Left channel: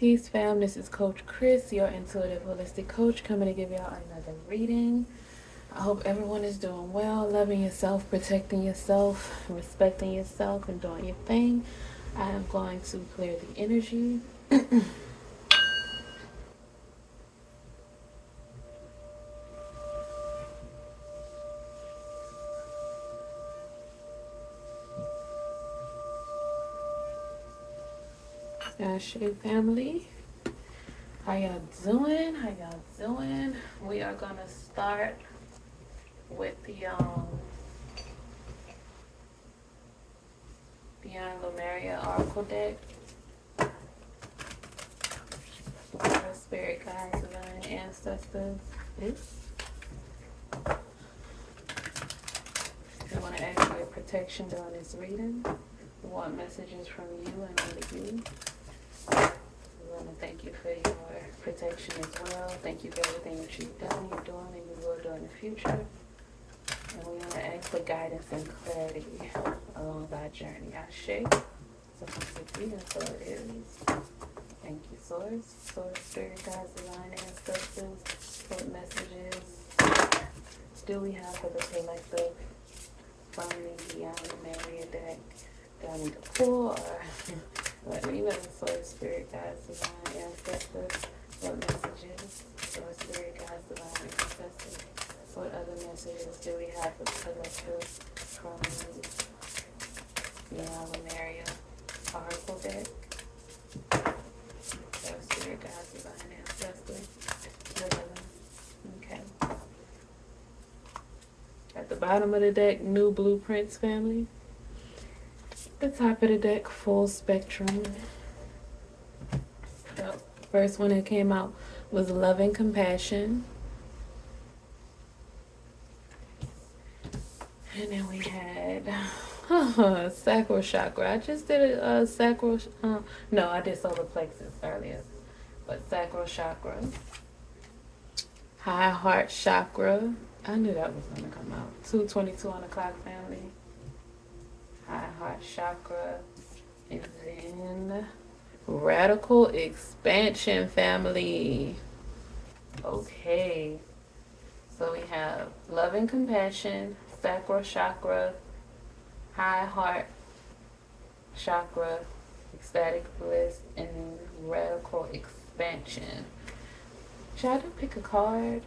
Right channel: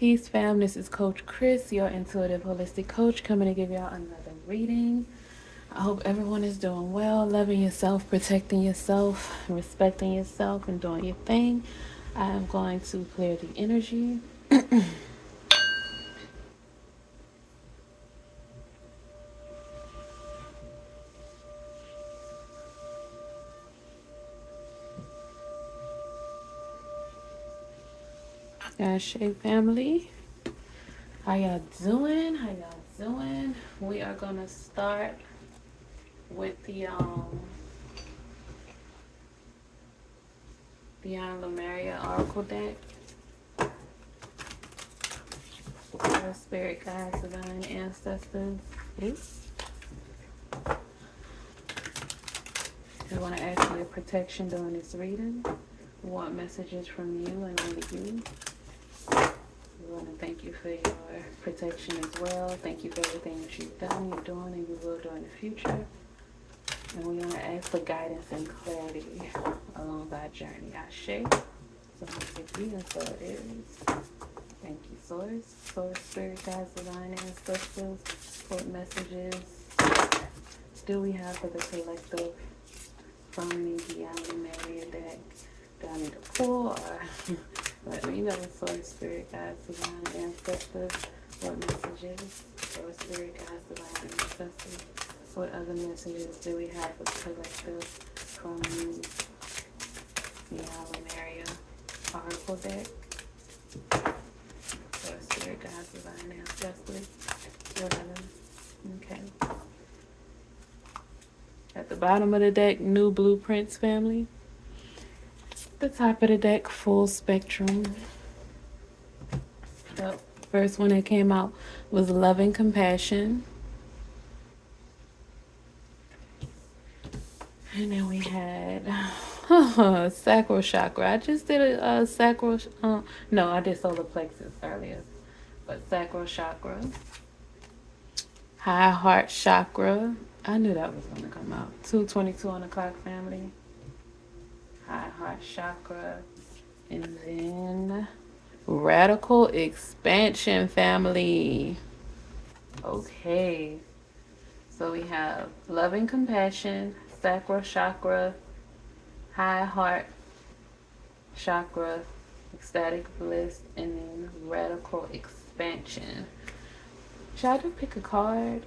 Peace, fam. This is Coach Chris, your intuitive holistic coach, coming to give y'all another reading. I hope everyone is doing well, loving yourself, protecting yourself, respecting yourself, and doing your thing. I am going to clear the energy. Ashe family, how y'all doing? We are gonna start with the Lemuria Oracle deck. Our spirit guides, divine ancestors. I want to ask for your protection during this reading. We want messages from you and only you. We want to thank you for your protection as well. Thank you for everything that you've done, you're doing, and you will do in the future. And we want to ask for guidance and clarity along our journey. Ashe. So let's reading, so it is. Thank you, Source. Source, Spirit, Guides, Divine Ancestors. What messages do we have for the collective from the Lemuria deck? Do I need to pull or let me know? Source, Spirit, Guides, Divine Ancestors. What messages? Source, Spirit, Guides, Divine Ancestors. What other messages do we have for the collective from the Lemuria Oracle deck? Source, Spirit, Guides, Divine Ancestors. Okay. At the bottom of the deck, New Blueprints family. The top of the deck, Full Spectrum. The first one that came out was Love and Compassion. And then we had Sacral Chakra. I just did a Sacral, no, I did Solar Plexus earlier. But Sacral Chakra. High Heart Chakra. I knew that was going to come out. 222 on the clock family. High Heart Chakra. And then Radical Expansion family. Okay. So we have Love and Compassion, Sacral Chakra, High Heart Chakra, Ecstatic Bliss, and Radical Expansion. Should I do pick a card?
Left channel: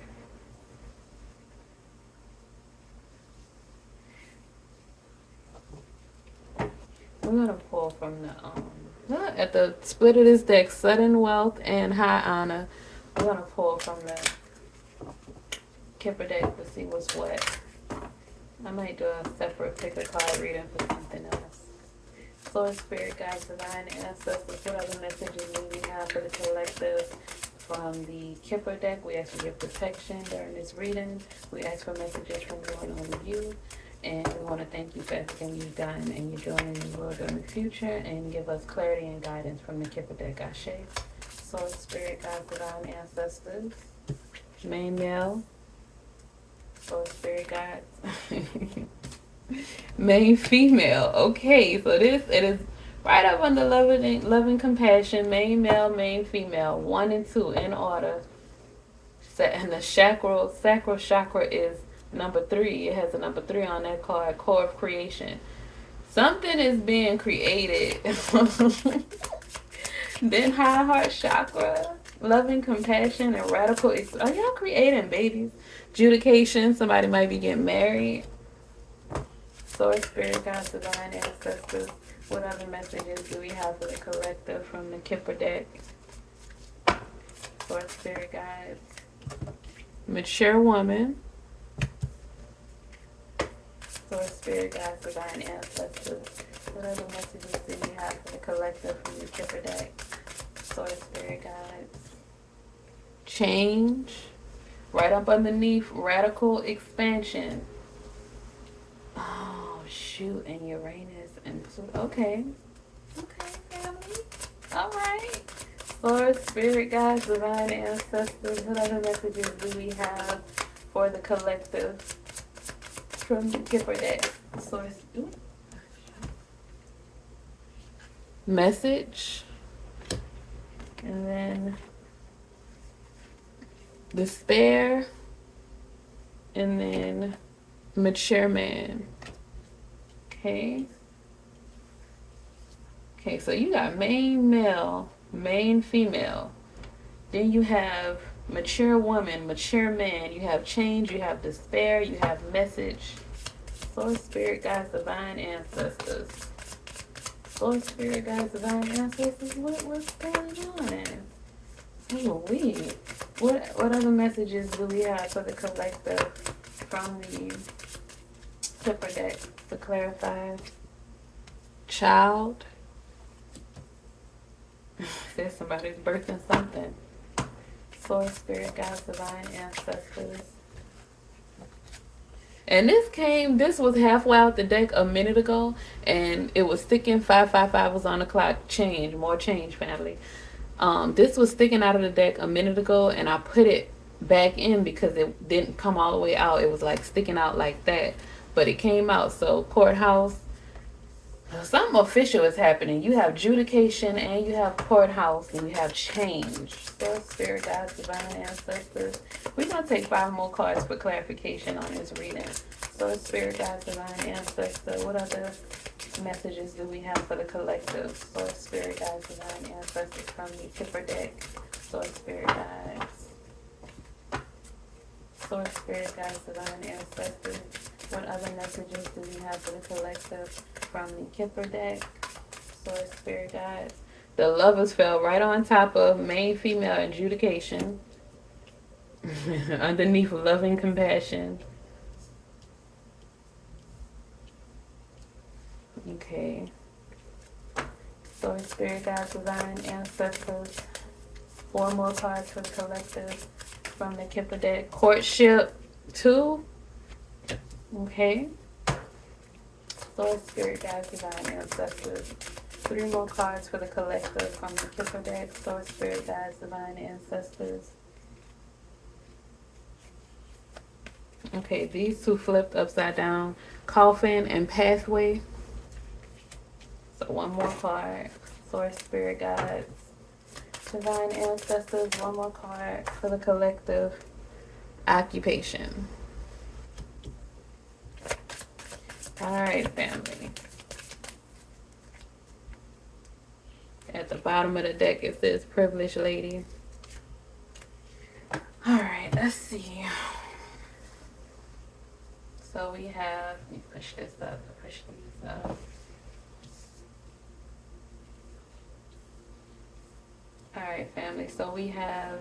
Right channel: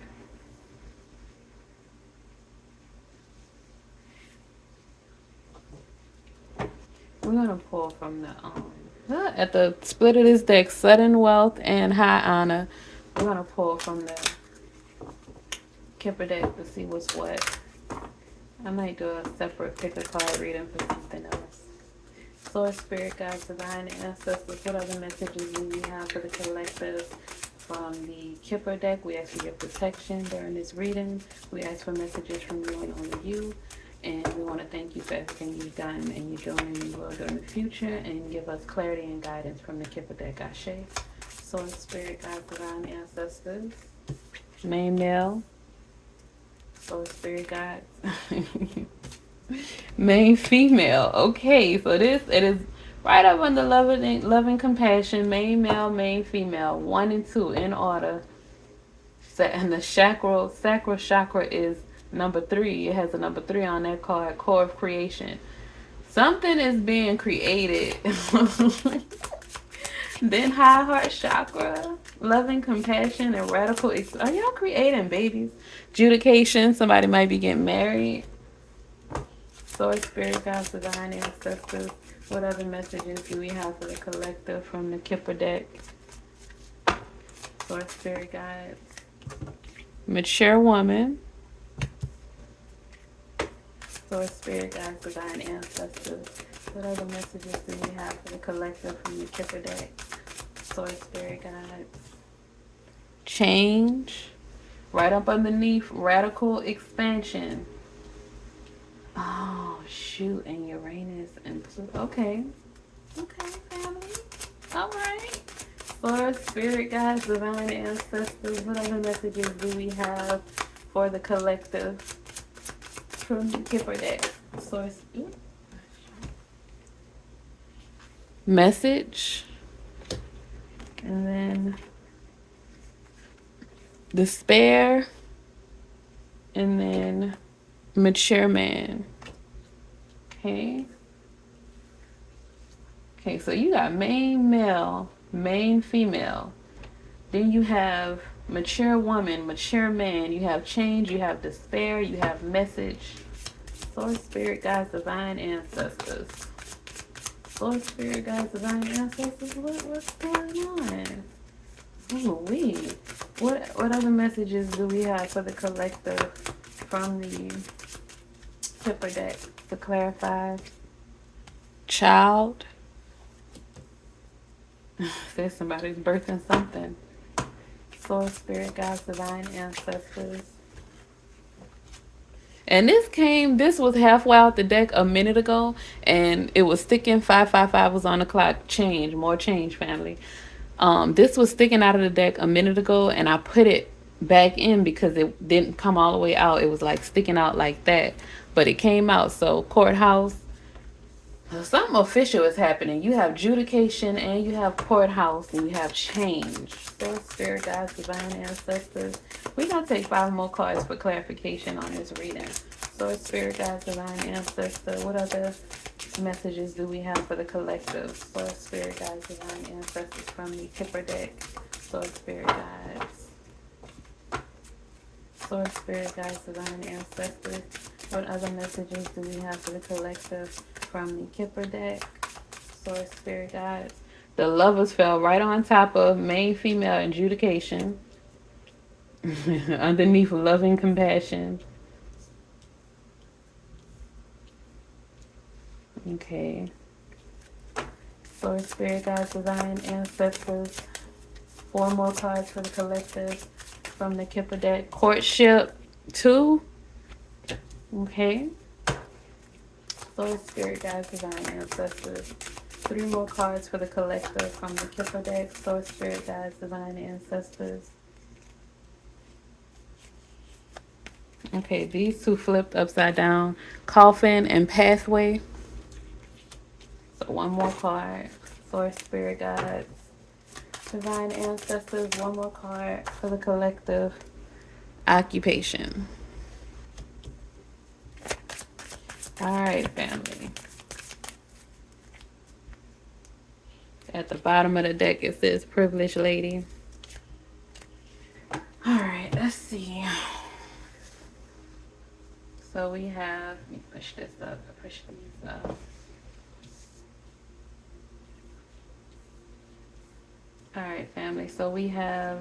We're gonna pull from the at the split of this deck, Sudden Wealth and High Honor. We're gonna pull from the Kipper deck to see what's what. I might do a separate pick a card reading for something else. Source, Spirit, Guides, Divine Ancestors. What other messages do we have for the collective from the Kipper deck? We ask for your protection during this reading. We ask for messages from you and only you. And we want to thank you for everything you've done and you're doing and you will do in the future. And give us clarity and guidance from the Kipper deck. Ashe. Source, Spirit, Guides, Divine Ancestors. Main male. Source, Spirit, Guides. Main female. Okay, so it is right up under love and compassion. Main male, main female. 1 and 2 in order. And the sacral chakra is number 3. It has a number 3 on that card. Core of creation. Something is being created. Then High Heart Chakra, Love and Compassion, and Radical. Are y'all creating babies? Judication. Somebody might be getting married. Source, Spirit, Guides, Divine Ancestors. What other messages do we have for the collective from the Kipper deck? Source, Spirit, Guides. Mature woman. Source, Spirit, Guides, Divine Ancestors. What other messages do we have for the collective from the Kipper deck? Source, Spirit, Guides. Change. Right up underneath, Radical Expansion. Oh, shoot, and Uranus and okay, family. All right. Source, Spirit, Guides, Divine Ancestors. What other messages do we have for the collective from the Kipper deck? Source. Message. And then despair. And then mature man. Okay. Okay, so you got main male, main female. Then you have mature woman, mature man. You have change, you have despair, you have message. Source, spirit, guides, divine ancestors. Source, spirit, guides, divine ancestors. What's going on? Holy. What other messages do we have for the collective from the Kipper deck to clarify? Child. Says somebody's birthing something. Source, spirit, guides, divine ancestors. And this was halfway out the deck a minute ago, and it was sticking. 555 was on the clock. Change, more change, family. This was sticking out of the deck a minute ago, and I put it back in because it didn't come all the way out. It was like sticking out like that, but it came out. So courthouse, something official is happening. You have adjudication and you have courthouse and you have change. So spirit, guides, divine ancestors. We're going to take 5 more cards for clarification on this reading. So spirit, guides, divine ancestors. What other messages do we have for the collective? So spirit, guides, divine ancestors from the Kipper deck. So spirit, guides. So spirit, guides, divine ancestors. What other messages do we have for the collective from the Kipper deck? Source, spirit, guides. The lovers fell right on top of main female adjudication. Underneath loving compassion. Okay. Source, spirit, guides, divine ancestors. 4 more cards for the collective from the Kipper deck. Courtship 2. Okay. Source, spirit, guides, divine ancestors. 3 more cards for the collective from the Kipper deck. Source, spirit, guides, divine ancestors. Okay, these 2 flipped upside down. Coffin and pathway. So 1 more card. Source, spirit, guides, divine ancestors. 1 more card for the collective. Occupation. Alright, family. At the bottom of the deck it says privileged lady. Alright, let's see. So we have, let me push this up, push these up. Alright, family, so we have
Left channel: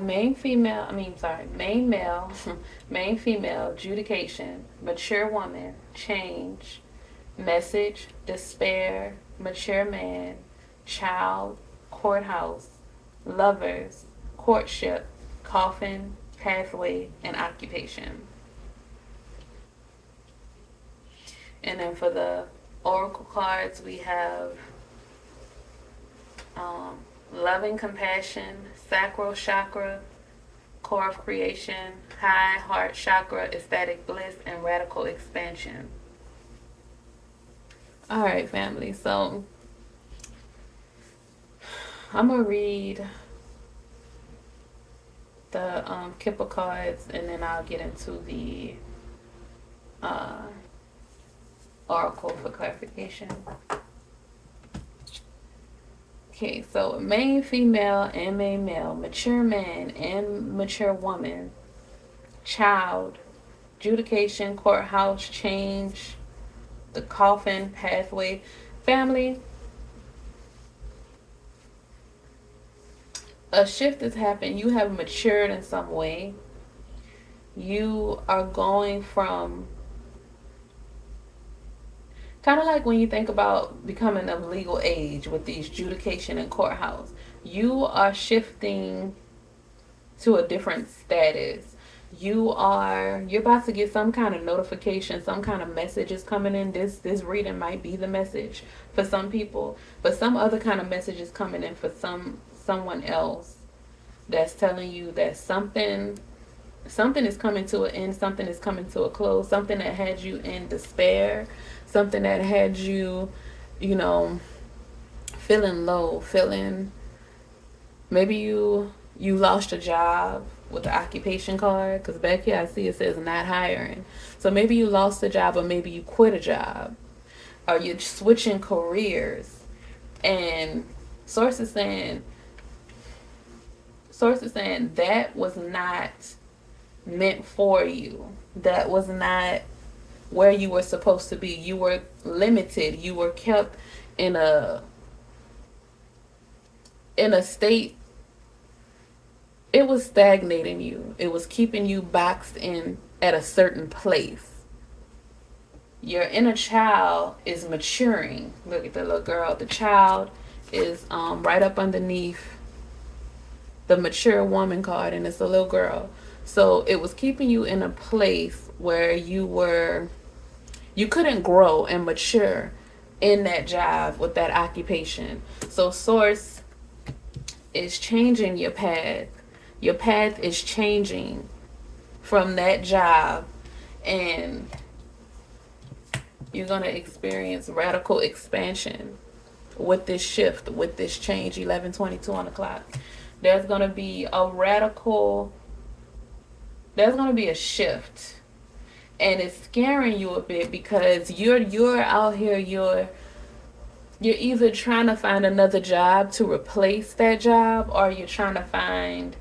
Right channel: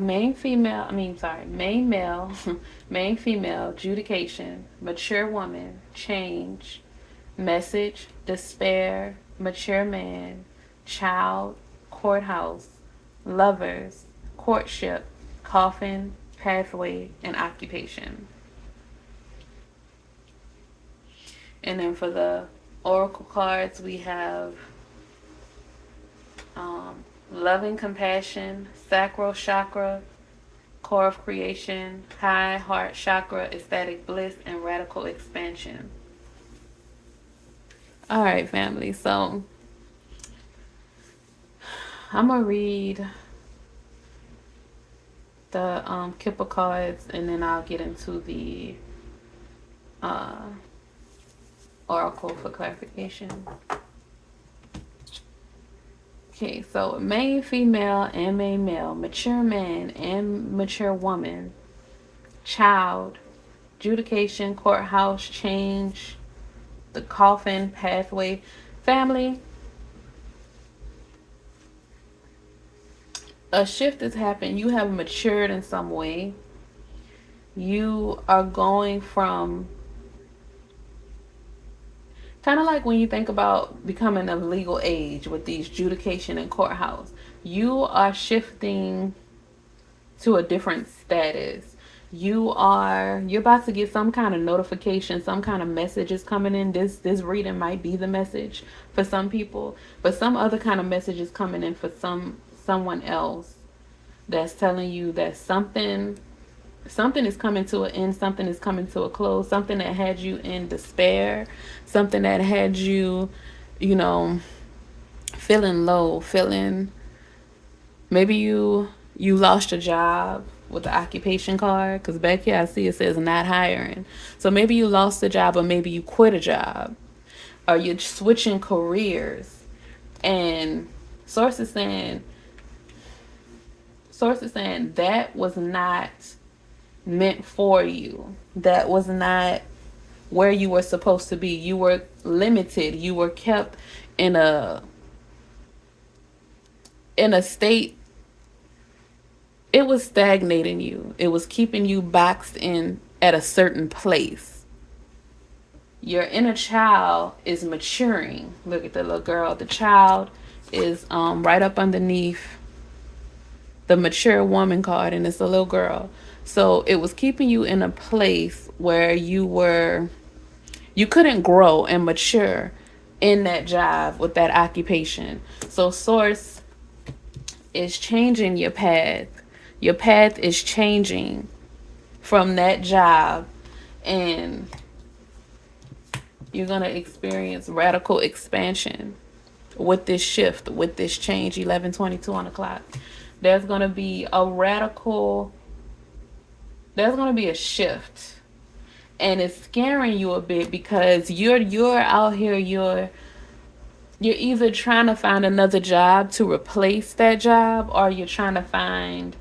main female, main male, main female, adjudication, mature woman, change, message, despair, mature man, child, courthouse, lovers, courtship, coffin, pathway, and occupation. And then for the oracle cards, we have loving compassion, sacral chakra, core of creation, high heart chakra, ecstatic bliss, and radical expansion. All right, family. So I'm gonna read the Kipper cards, and then I'll get into the oracle for clarification. Okay, so main female and main male, mature man and mature woman, child, adjudication, courthouse, change, the coffin, pathway, family. A shift has happened. You have matured in some way. You are going from, kind of like when you think about becoming of legal age with these adjudication and courthouse, you are shifting to a different status. You're about to get some kind of notification, some kind of message is coming in. This reading might be the message for some people, but some other kind of message is coming in for someone else that's telling you that something something is coming to an end, something is coming to a close, something that had you in despair, something that had you, you know, feeling low, feeling, maybe you lost your job with the occupation card, because back here I see it says not hiring. So maybe you lost a job, or maybe you quit a job, or you're switching careers, and source is saying that was not meant for you. That was not where you were supposed to be. You were limited. You were kept in a state. It was stagnating you. It was keeping you boxed in at a certain place. Your inner child is maturing. Look at the little girl. The child is right up underneath the mature woman card, and it's a little girl. So it was keeping you in a place where you couldn't grow and mature in that job with that occupation. So source is changing your path. Your path is changing from that job, and you're going to experience radical expansion with this shift, with this change. 11:22 on the clock. There's going to be a shift, and it's scaring you a bit, because you're out here, you're either trying to find another job to replace that job, or you're trying to find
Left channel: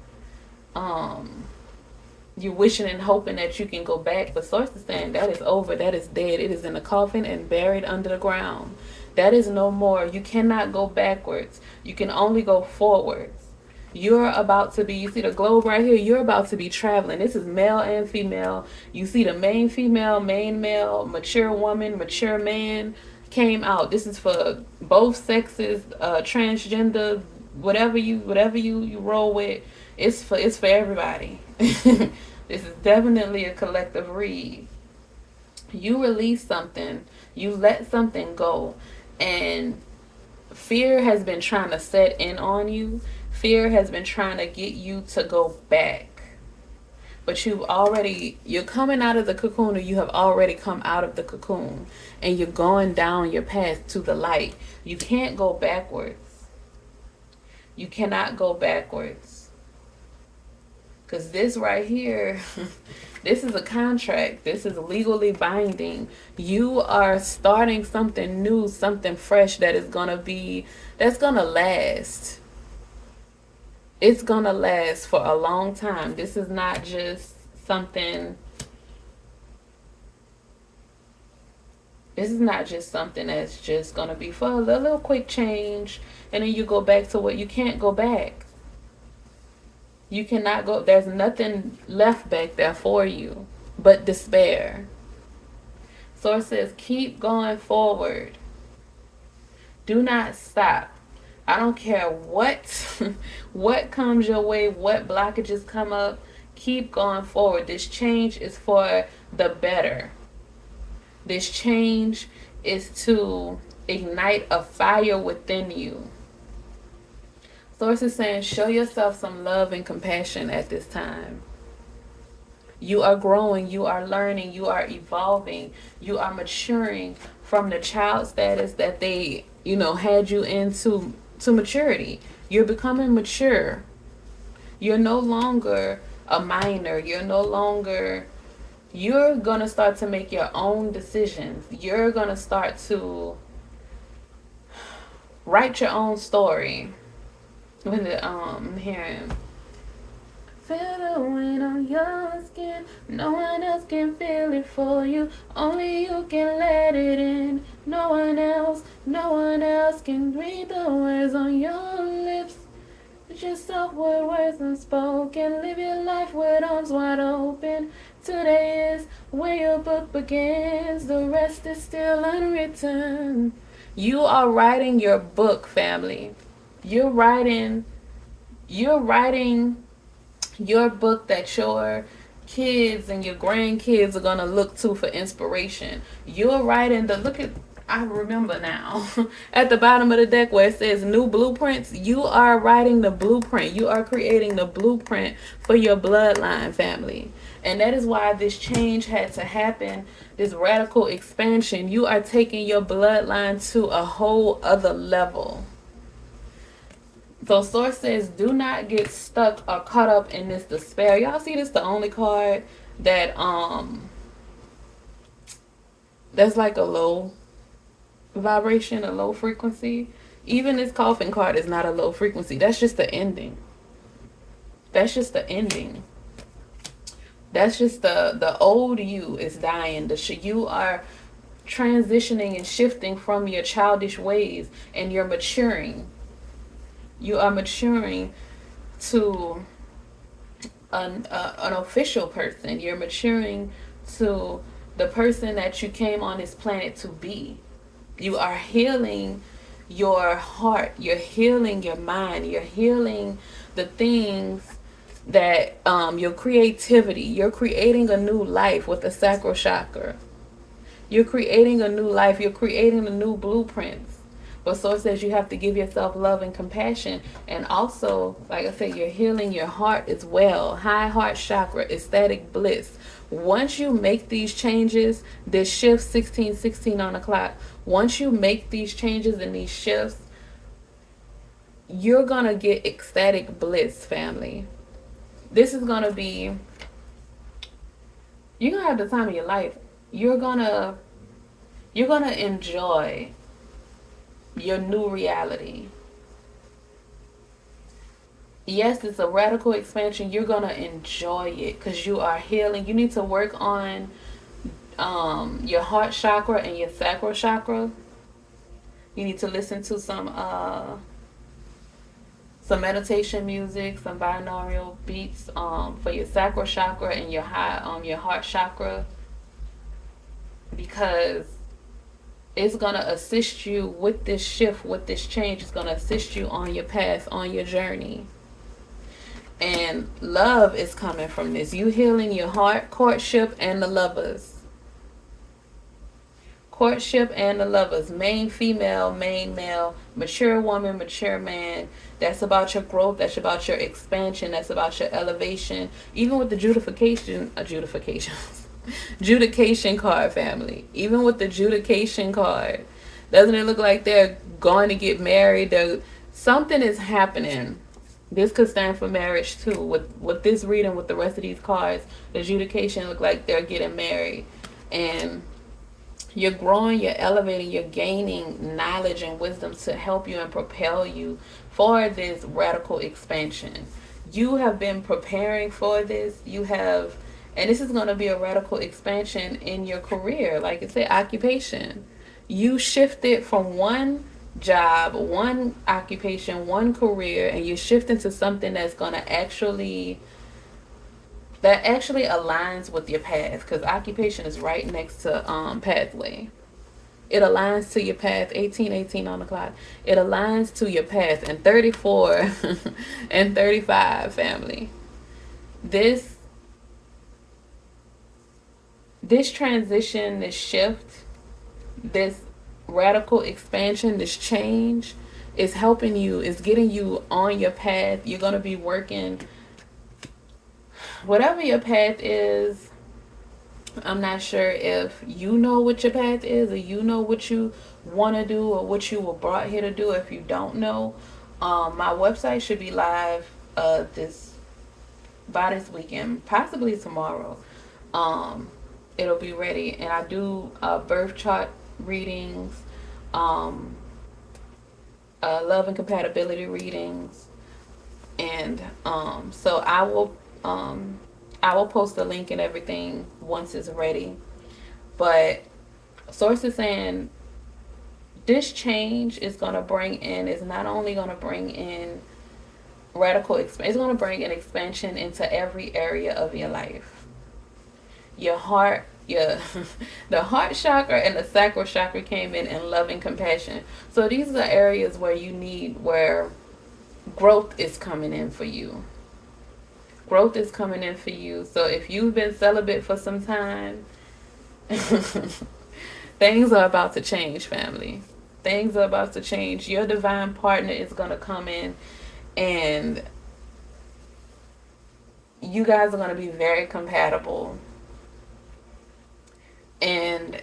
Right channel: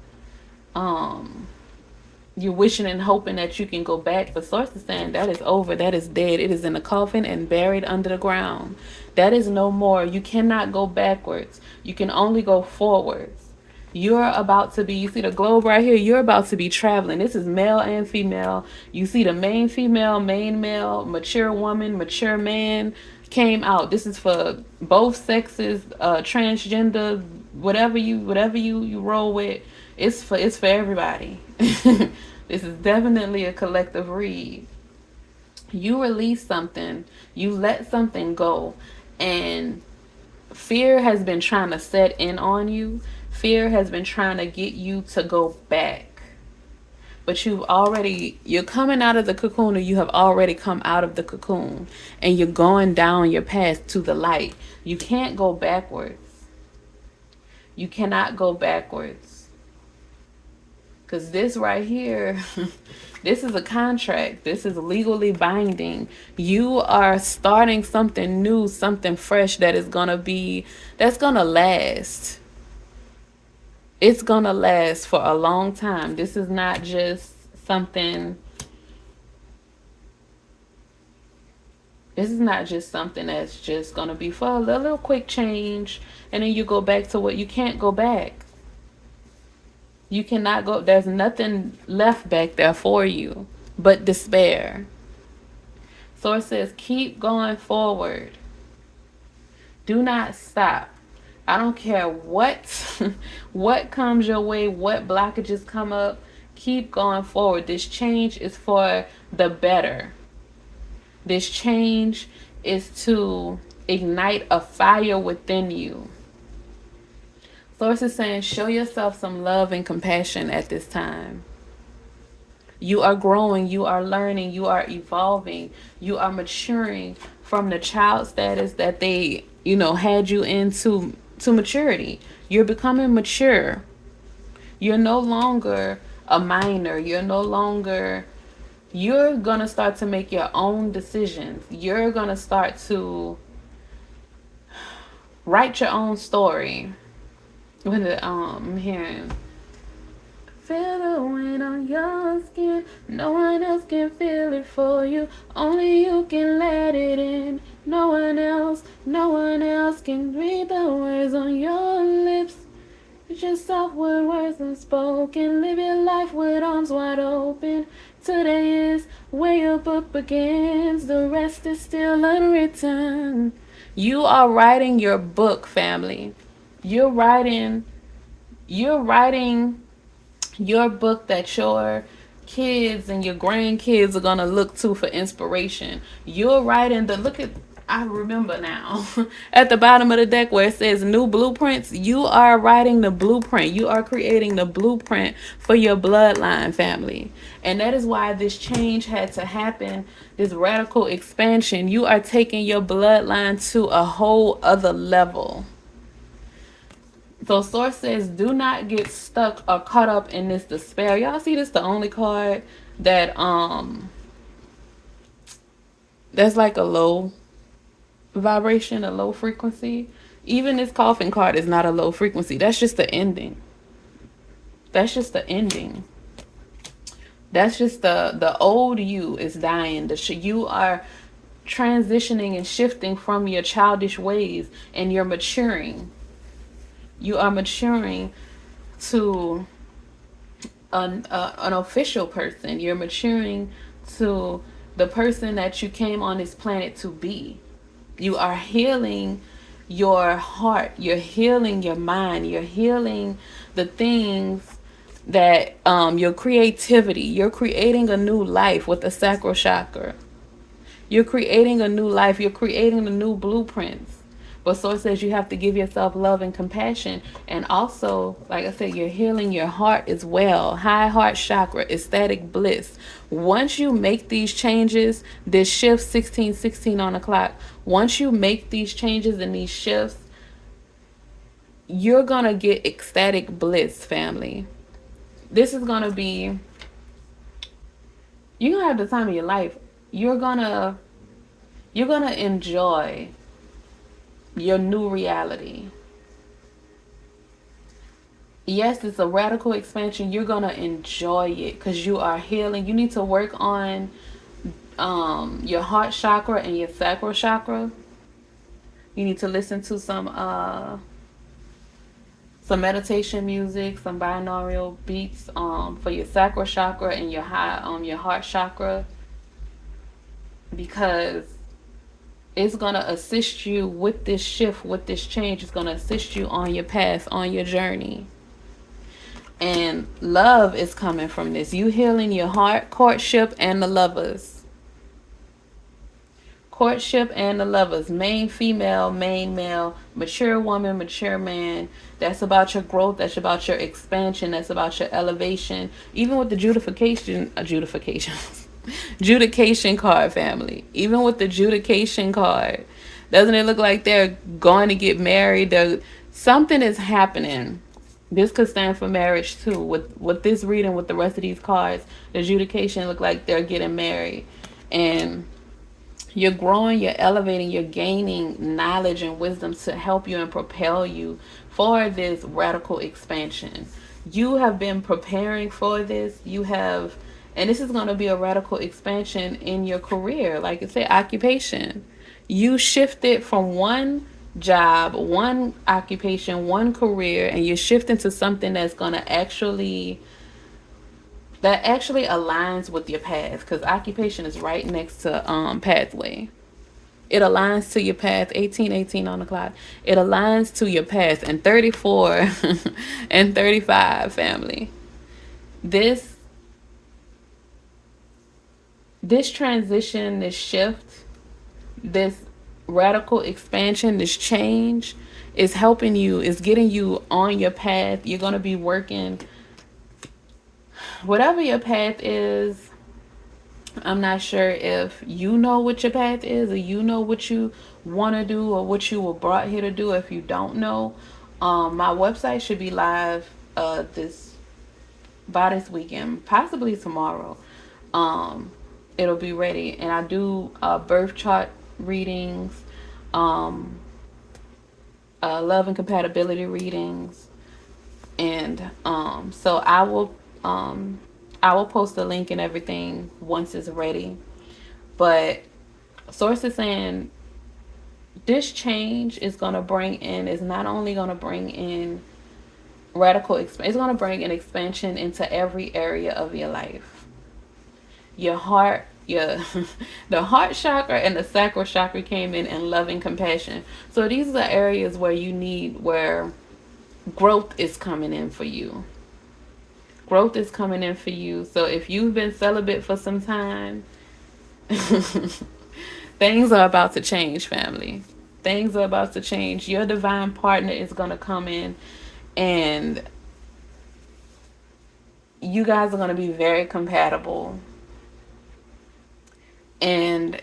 you're wishing and hoping that you can go back. The source is saying that is over, that is dead, it is in a coffin and buried under the ground. That is no more. You cannot go backwards, you can only go forwards. You're about to be, you see the globe right here, you're about to be traveling. This is male and female. You see the main female, main male, mature woman, mature man came out. This is for both sexes, transgender, whatever you roll with. It's for everybody. This is definitely a collective read. You release something, you let something go, and fear has been trying to set in on you. Fear has been trying to get you to go back. But you're coming out of the cocoon, or you have already come out of the cocoon, and you're going down your path to the light. You can't go backwards. You cannot go backwards. Because this right here, this is a contract. This is legally binding. You are starting something new, something fresh that's going to last. It's going to last for a long time. This is not just something. This is not just something that's just going to be for a little quick change, and then you go back to what you can't go back. You cannot go. There's nothing left back there for you but despair. Source says, keep going forward. Do not stop. I don't care what comes your way, what blockages come up. Keep going forward. This change is for the better. This change is to ignite a fire within you. Source is saying, show yourself some love and compassion at this time. You are growing, you are learning, you are evolving, you are maturing from the child status that they, had you into to maturity. You're becoming mature. You're no longer a minor. You're going to start to make your own decisions. You're going to start to write your own story. With it, I'm hearing, feel the wind on your skin. No one else can feel it for you. Only you can let it in. No one else can read the words on your lips. Just soft words unspoken. Live your life with arms wide open. Today is where your book begins. The rest is still unwritten. You are writing your book, family. You're writing your book that your kids and your grandkids are going to look to for inspiration. You're writing I remember now. At the bottom of the deck where it says new blueprints, you are writing the blueprint. You are creating the blueprint for your bloodline family. And that is why this change had to happen, this radical expansion. You are taking your bloodline to a whole other level. So Source says, do not get stuck or caught up in this despair. Y'all see this the only card that that's like a low vibration, a low frequency. Even this coffin card is not a low frequency. That's just the ending. That's just the ending. That's just the old you is dying. You are transitioning and shifting from your childish ways, and you're maturing. You are maturing to an official person. You're maturing to the person that you came on this planet to be. You are healing your heart. You're healing your mind. You're healing the things that your creativity. You're creating a new life with the sacral chakra. You're creating a new life. You're creating the new blueprints. But Source says you have to give yourself love and compassion. And also, like I said, you're healing your heart as well. High heart chakra, ecstatic bliss. Once you make these changes, this shift 1616 on the clock, once you make these changes and these shifts, you're going to get ecstatic bliss, family. This is going to be, you're going to have the time of your life. You're going to enjoy your new reality. Yes, it's a radical expansion. You're going to enjoy it because you are healing. You need to work on your heart chakra and your sacral chakra. You need to listen to some meditation music, some binaural beats for your sacral chakra and your heart chakra, because it's going to assist you with this shift, with this change. It's going to assist you on your path, on your journey. And love is coming from this. You healing your heart, courtship, and the lovers. Courtship and the lovers. Main female, main male, mature woman, mature man. That's about your growth. That's about your expansion. That's about your elevation. Even with the judication card, family. Even with the judication card, doesn't it look like they're going to get married? Something is happening. This could stand for marriage too. With this reading, with the rest of these cards, the judication look like they're getting married. And you're growing, you're elevating, you're gaining knowledge and wisdom to help you and propel you for this radical expansion. You have been preparing for this. And this is going to be a radical expansion in your career. Like I said, occupation. You shifted from one job, one occupation, one career, and you're shifting to something that's going to actually aligns with your path, because occupation is right next to pathway. It aligns to your path. 1818 on the clock. It aligns to your path. And 34 and 35, family. This transition, this shift, this radical expansion, this change is helping you, is getting you on your path. You're going to be working, whatever your path is. I'm not sure if you know what your path is, or you know what you want to do, or what you were brought here to do. If you don't know, my website should be live by this weekend, possibly tomorrow. It'll be ready, and I do birth chart readings, love and compatibility readings, and so I will post the link and everything once it's ready. But Source is saying this change is not only going to bring in radical expansion, it's going to bring an expansion into every area of your life. Your heart, the heart chakra and the sacral chakra came in, and love and compassion. So these are the areas where growth is coming in for you. Growth is coming in for you. So if you've been celibate for some time, that Things are about to change, family. Things are about to change. Your divine partner is going to come in, and you guys are going to be very compatible. And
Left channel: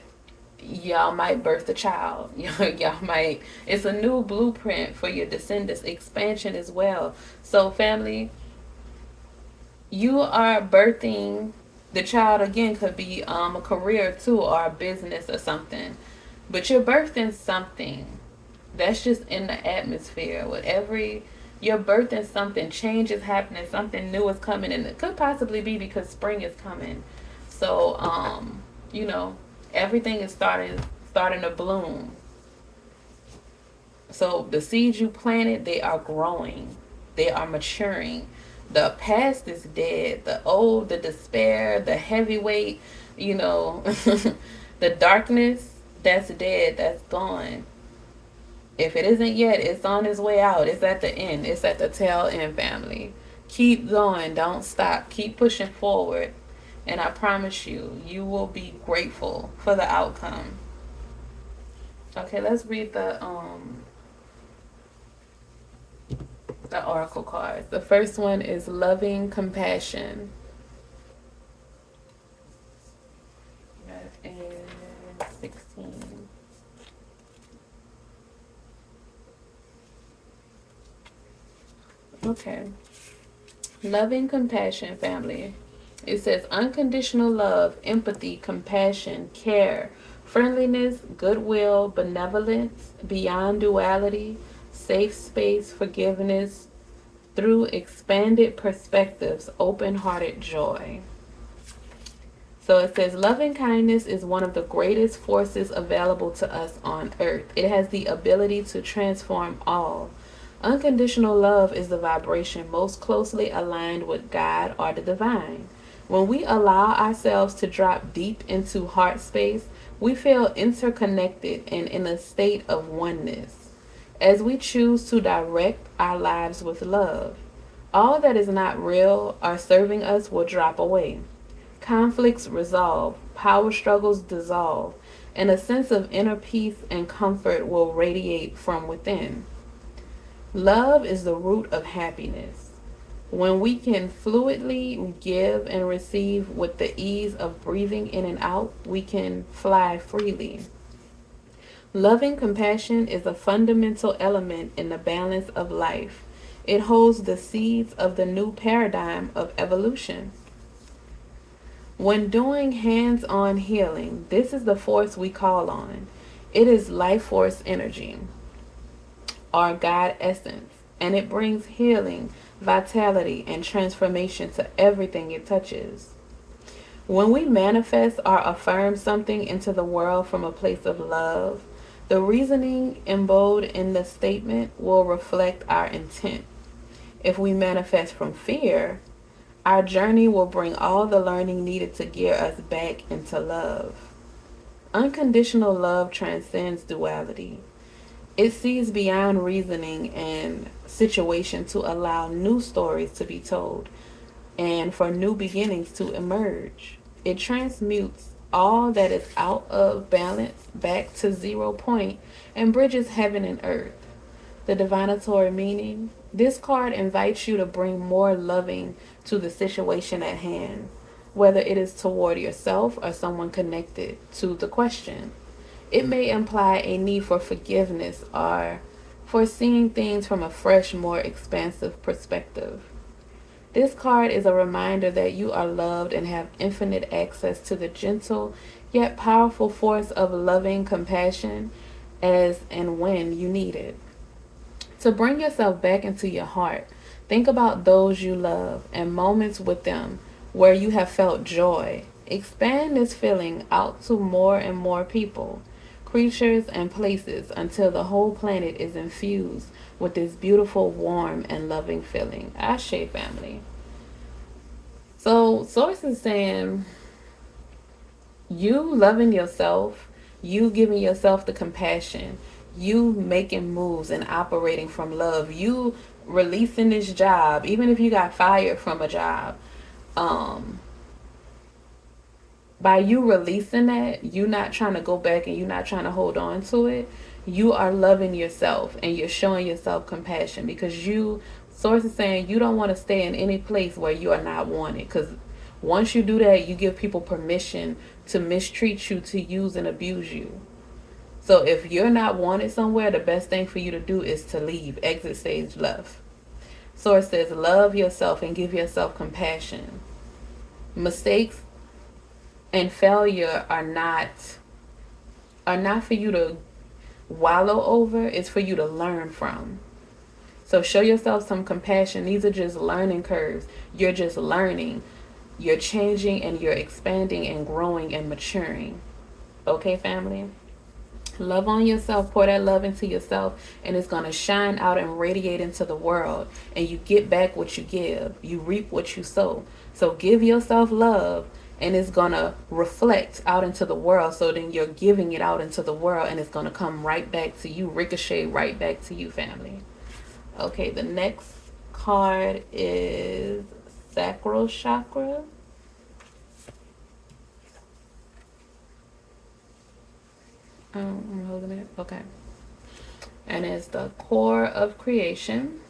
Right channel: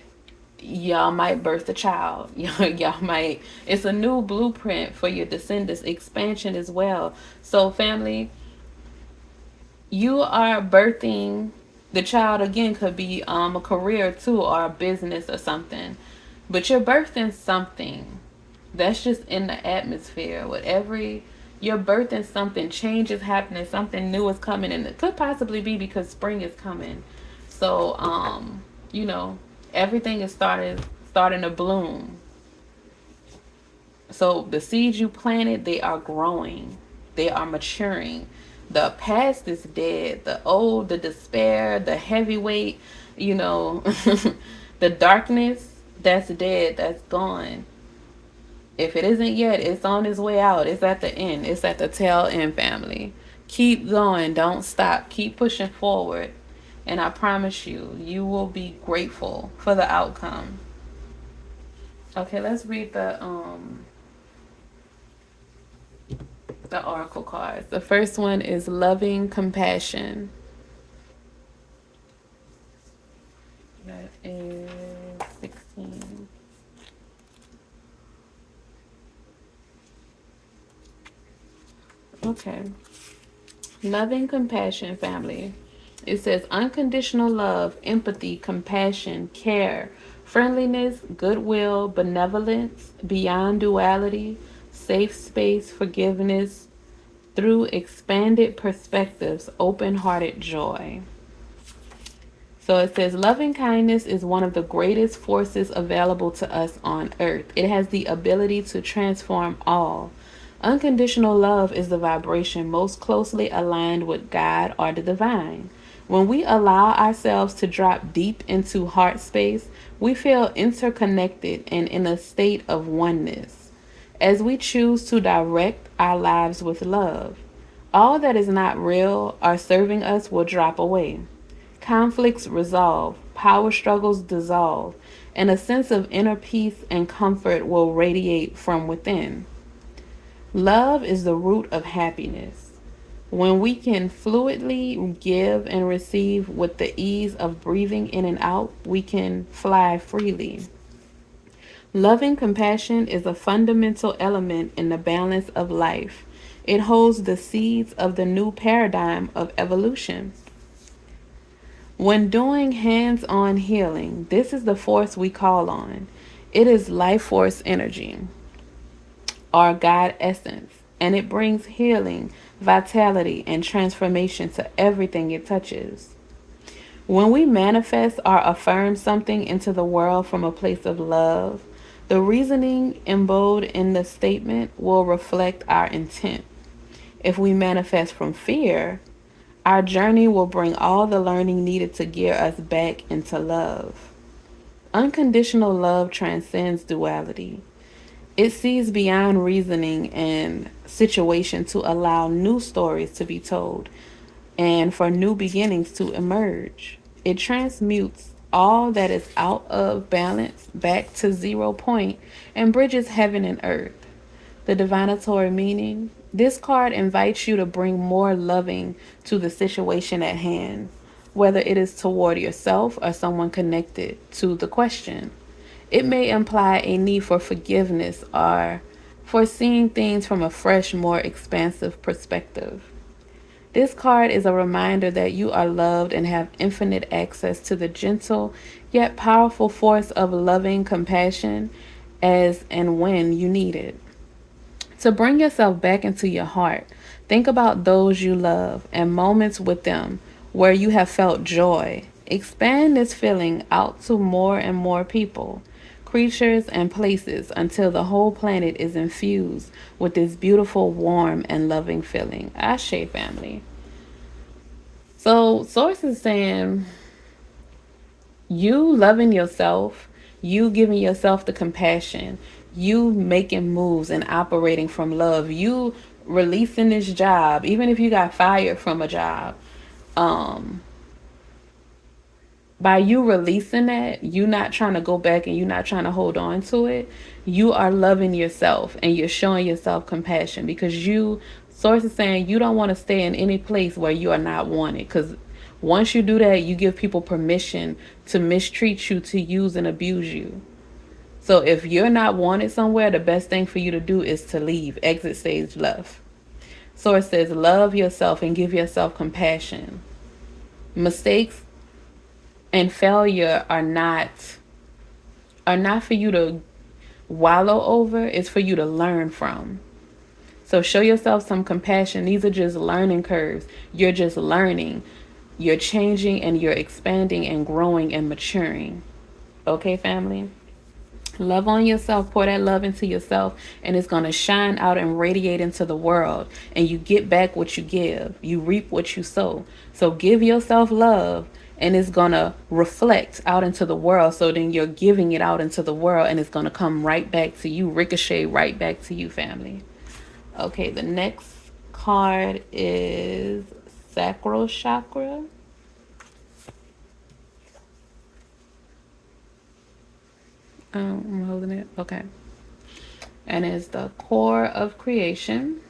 y'all might birth a child. Y'all might. It's a new blueprint for your descendants, expansion as well. So, family, you are birthing the child again. Could be a career too, or a business or something. But you're birthing something that's just in the atmosphere. With every you're birthing something, change is happening, something new is coming, and it could possibly be because spring is coming. So, you know, everything is starting to bloom. So the seeds you planted, they are growing, they are maturing. The past is dead. The old, the despair, the heavyweight, you know, the darkness, that's dead. That's gone. If it isn't yet, it's on its way out. It's at the end. It's at the tail end, family. Keep going. Don't stop. Keep pushing forward. And I promise you, you will be grateful for the outcome. Okay, let's read the oracle cards. The first one is loving compassion. That is 16. Okay. Loving compassion, family. It says unconditional love, empathy, compassion, care, friendliness, goodwill, benevolence, beyond duality, safe space, forgiveness, through expanded perspectives, open hearted joy. So it says loving kindness is one of the greatest forces available to us on earth. It has the ability to transform all. Unconditional love is the vibration most closely aligned with God or the divine. When we allow ourselves to drop deep into heart space, we feel interconnected and in a state of oneness. As we choose to direct our lives with love, all that is not real or serving us will drop away. Conflicts resolve, power struggles dissolve, and a sense of inner peace and comfort will radiate from within. Love is the root of happiness. When we can fluidly give and receive with the ease of breathing in and out, we can fly freely. Loving compassion is a fundamental element in the balance of life. It holds the seeds of the new paradigm of evolution. When doing hands on healing, this is the force we call on. It is life force energy, our God essence, and it brings healing, vitality, and transformation to everything it touches. When we manifest or affirm something into the world from a place of love, the reasoning embodied in the statement will reflect our intent. If we manifest from fear, our journey will bring all the learning needed to gear us back into love. Unconditional love transcends duality. It sees beyond reasoning and situation to allow new stories to be told and for new beginnings to emerge. It transmutes all that is out of balance back to 0 point and bridges heaven and earth. The divinatory meaning. This card invites you to bring more loving to the situation at hand, whether it is toward yourself or someone connected to the question. It may imply a need for forgiveness or for seeing things from a fresh, more expansive perspective. This card is a reminder that you are loved and have infinite access to the gentle yet powerful force of loving compassion as and when you need it. To bring yourself back into your heart, think about those you love and moments with them where you have felt joy. Expand this feeling out to more and more people, creatures, and places until the whole planet is infused with this beautiful, warm, and loving feeling. Ashe, family. So, Source is saying you loving yourself, you giving yourself the compassion, you making moves and operating from love, you releasing this job, even if you got fired from a job, um, by you releasing that, you not trying to go back and you not trying to hold on to it, you are loving yourself and you're showing yourself compassion, because you, source is saying, you don't want to stay in any place where you are not wanted, because once you do that, you give people permission to mistreat you, to use and abuse you. So if you're not wanted somewhere, the best thing for you to do is to leave, exit stage left. So it says, love yourself and give yourself compassion. Mistakes and failure are not for you to wallow over, it's for you to learn from. So show yourself some compassion. These are just learning curves. You're just learning. You're changing and you're expanding and growing and maturing. Okay, family? Love on yourself, pour that love into yourself, and it's going to shine out and radiate into the world. And you get back what you give, you reap what you sow. So give yourself love, and it's going to reflect out into the world. So then you're giving it out into the world, and it's going to come right back to you, ricochet right back to you, family. Okay, the next card is Sacral Chakra. I'm holding it. Okay. And it's the core of creation.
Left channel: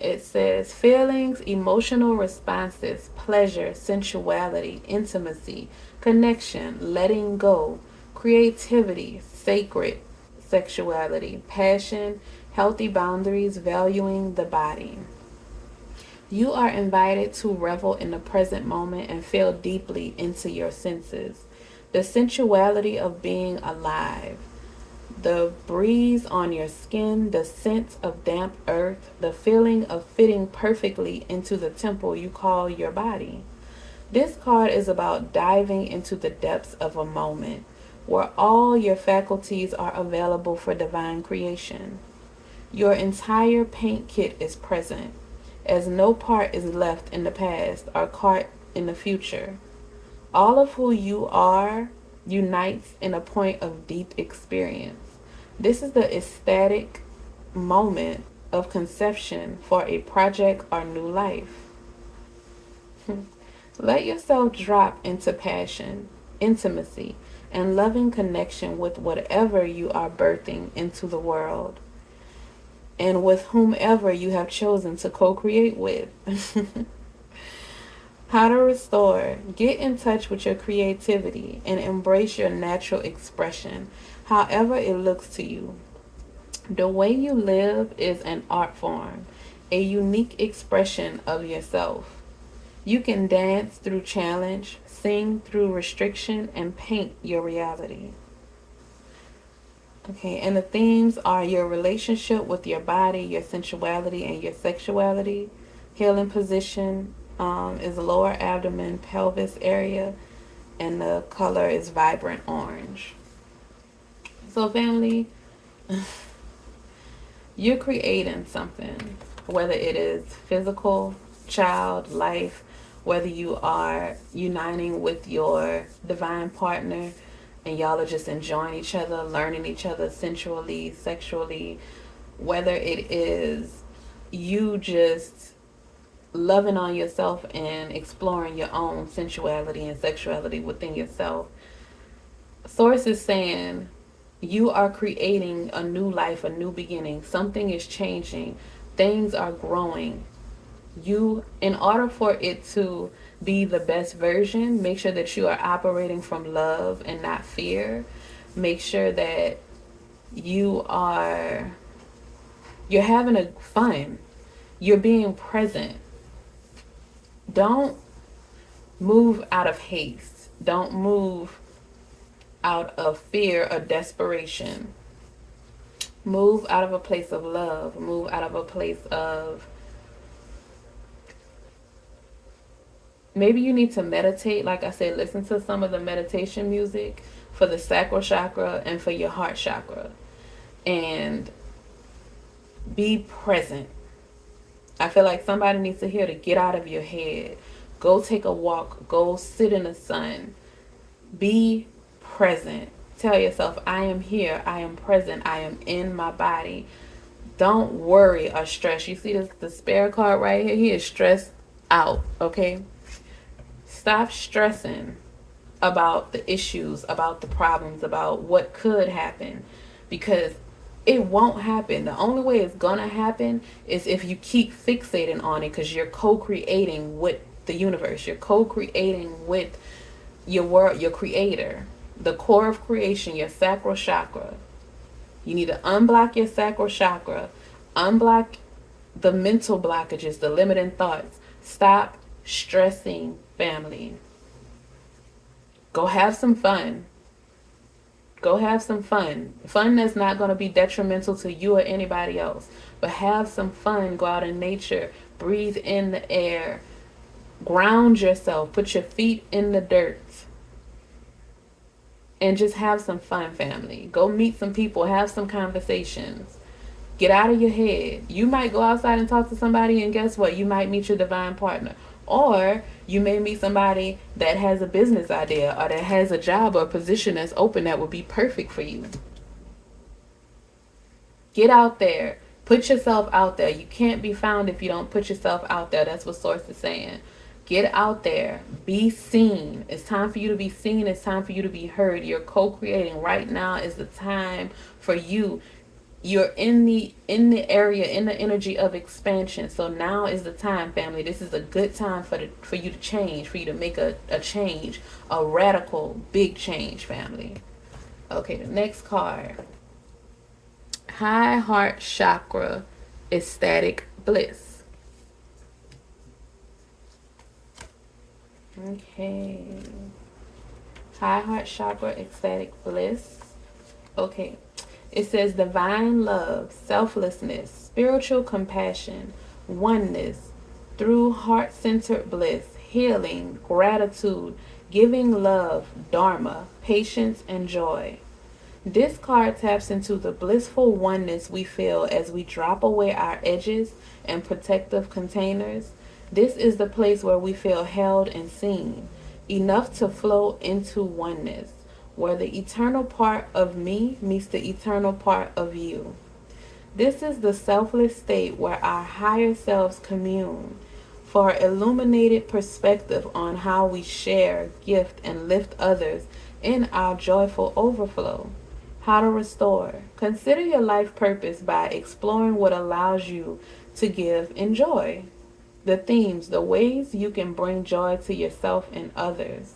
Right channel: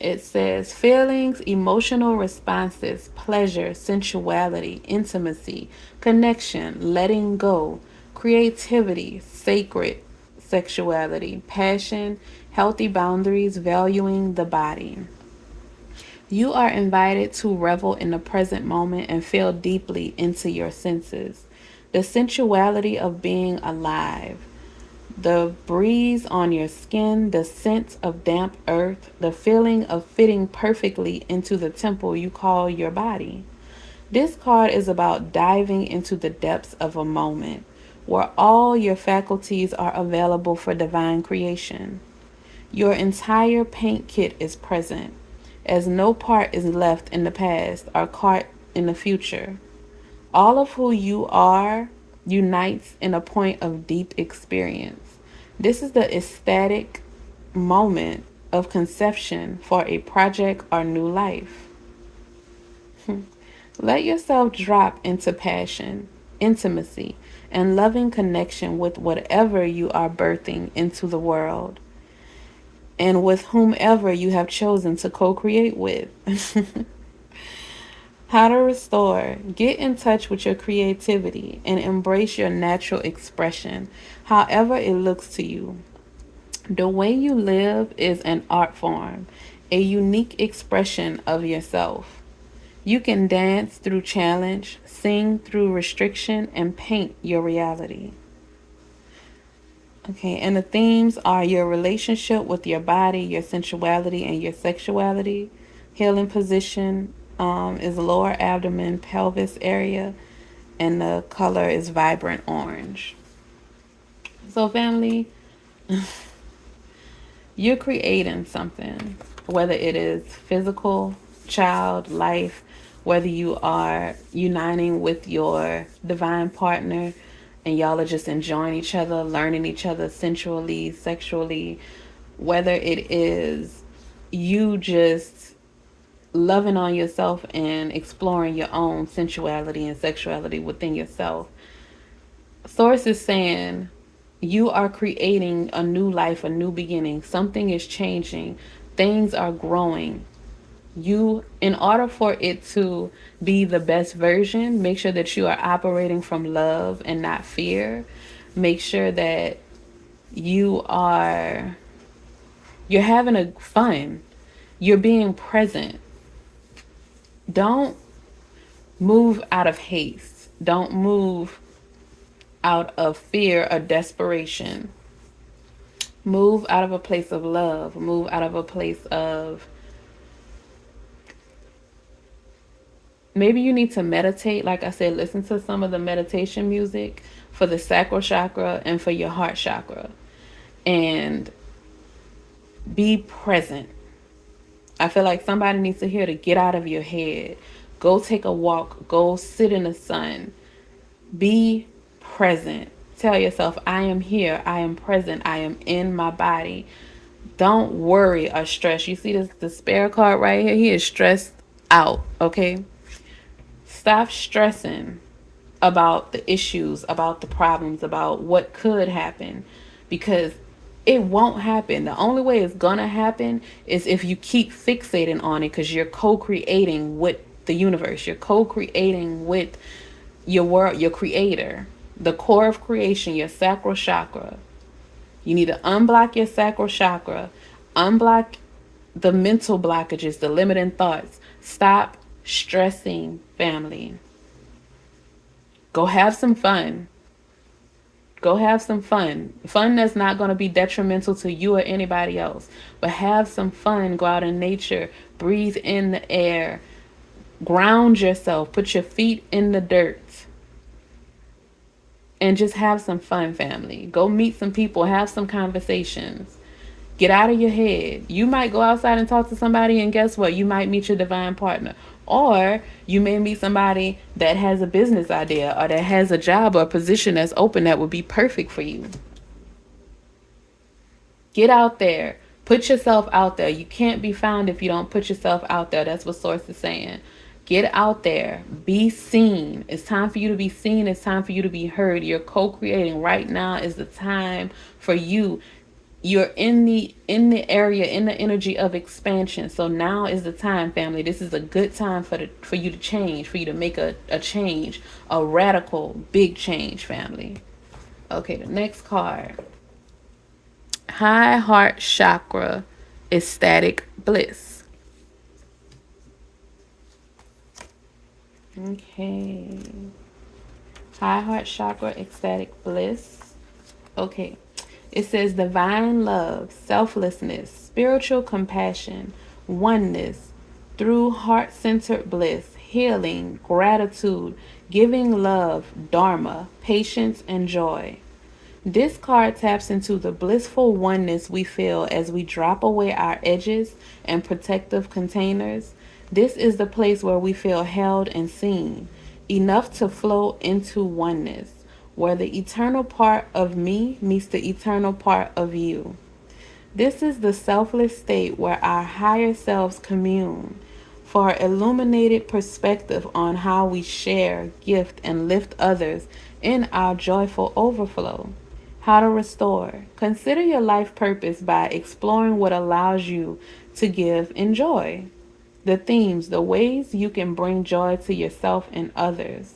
It says feelings, emotional responses, pleasure, sensuality, intimacy, connection, letting go, creativity, sacred sexuality, passion, healthy boundaries, valuing the body. You are invited to revel in the present moment and feel deeply into your senses. The sensuality of being alive, the breeze on your skin, the scent of damp earth, the feeling of fitting perfectly into the temple you call your body. This card is about diving into the depths of a moment where all your faculties are available for divine creation. Your entire paint kit is present, as no part is left in the past or caught in the future. All of who you are unites in a point of deep experience. This is the ecstatic moment of conception for a project or new life. Let yourself drop into passion, intimacy, and loving connection with whatever you are birthing into the world, and with whomever you have chosen to co-create with. How to restore. Get in touch with your creativity and embrace your natural expression, however it looks to you. The way you live is an art form, a unique expression of yourself. You can dance through challenge, sing through restriction, and paint your reality. Okay, and the themes are your relationship with your body, your sensuality, and your sexuality. Healing position is lower abdomen, pelvis area, and the color is vibrant orange. So, family, you're creating something, whether it is physical, child, life, whether you are uniting with your divine partner and y'all are just enjoying each other, learning each other sensually, sexually, whether it is you just loving on yourself and exploring your own sensuality and sexuality within yourself. Source is saying you are creating a new life, a new beginning. Something is changing. Things are growing. You, in order for it to be the best version, make sure that you are operating from love and not fear. Make sure that you're having a fun. You're being present. Don't move out of haste. Don't move out of fear or desperation. Move out of a place of love. Move out of a place of, maybe you need to meditate. Like I said, listen to some of the meditation music for the sacral chakra and for your heart chakra. And be present. I feel like somebody needs to hear to get out of your head. Go take a walk. Go sit in the sun. Be present. Tell yourself, I am here. I am present. I am in my body. Don't worry or stress. You see this, the Spirit card right here? He is stressed out, okay? Stop stressing about the issues, about the problems, about what could happen, because it won't happen. The only way it's gonna happen is if you keep fixating on it, because you're co-creating with the universe, you're co-creating with your world, your creator, the core of creation, your sacral chakra. You need to unblock your sacral chakra, unblock the mental blockages, the limiting thoughts. Stop stressing, family. Go have some fun. Go have some fun. Fun that's not going to be detrimental to you or anybody else. But have some fun. Go out in nature. Breathe in the air. Ground yourself. Put your feet in the dirt. And just have some fun, family. Go meet some people. Have some conversations. Get out of your head. You might go outside and talk to somebody, and guess what? You might meet your divine partner. Or you may meet somebody that has a business idea or that has a job or a position that's open that would be perfect for you. Get out there. Put yourself out there. You can't be found if you don't put yourself out there. That's what Source is saying. Get out there. Be seen. It's time for you to be seen. It's time for you to be heard. You're co-creating. Right now is the time for you. You're in the area, in the energy of expansion. So now is the time, family. This is a good time for you to change, for you to make a change, a radical big change, family. Okay, the next card. High heart chakra, ecstatic bliss. Okay. High heart chakra, ecstatic bliss. Okay. It says divine love, selflessness, spiritual compassion, oneness, through heart-centered bliss, healing, gratitude, giving love, dharma, patience, and joy. This card taps into the blissful oneness we feel as we drop away our edges and protective containers. This is the place where we feel held and seen, enough to flow into oneness, where the eternal part of me meets the eternal part of you. This is the selfless state where our higher selves commune for illuminated perspective on how we share, gift, and lift others in our joyful overflow. How to restore. Consider your life purpose by exploring what allows you to give and joy. The themes, the ways you can bring joy to yourself and others.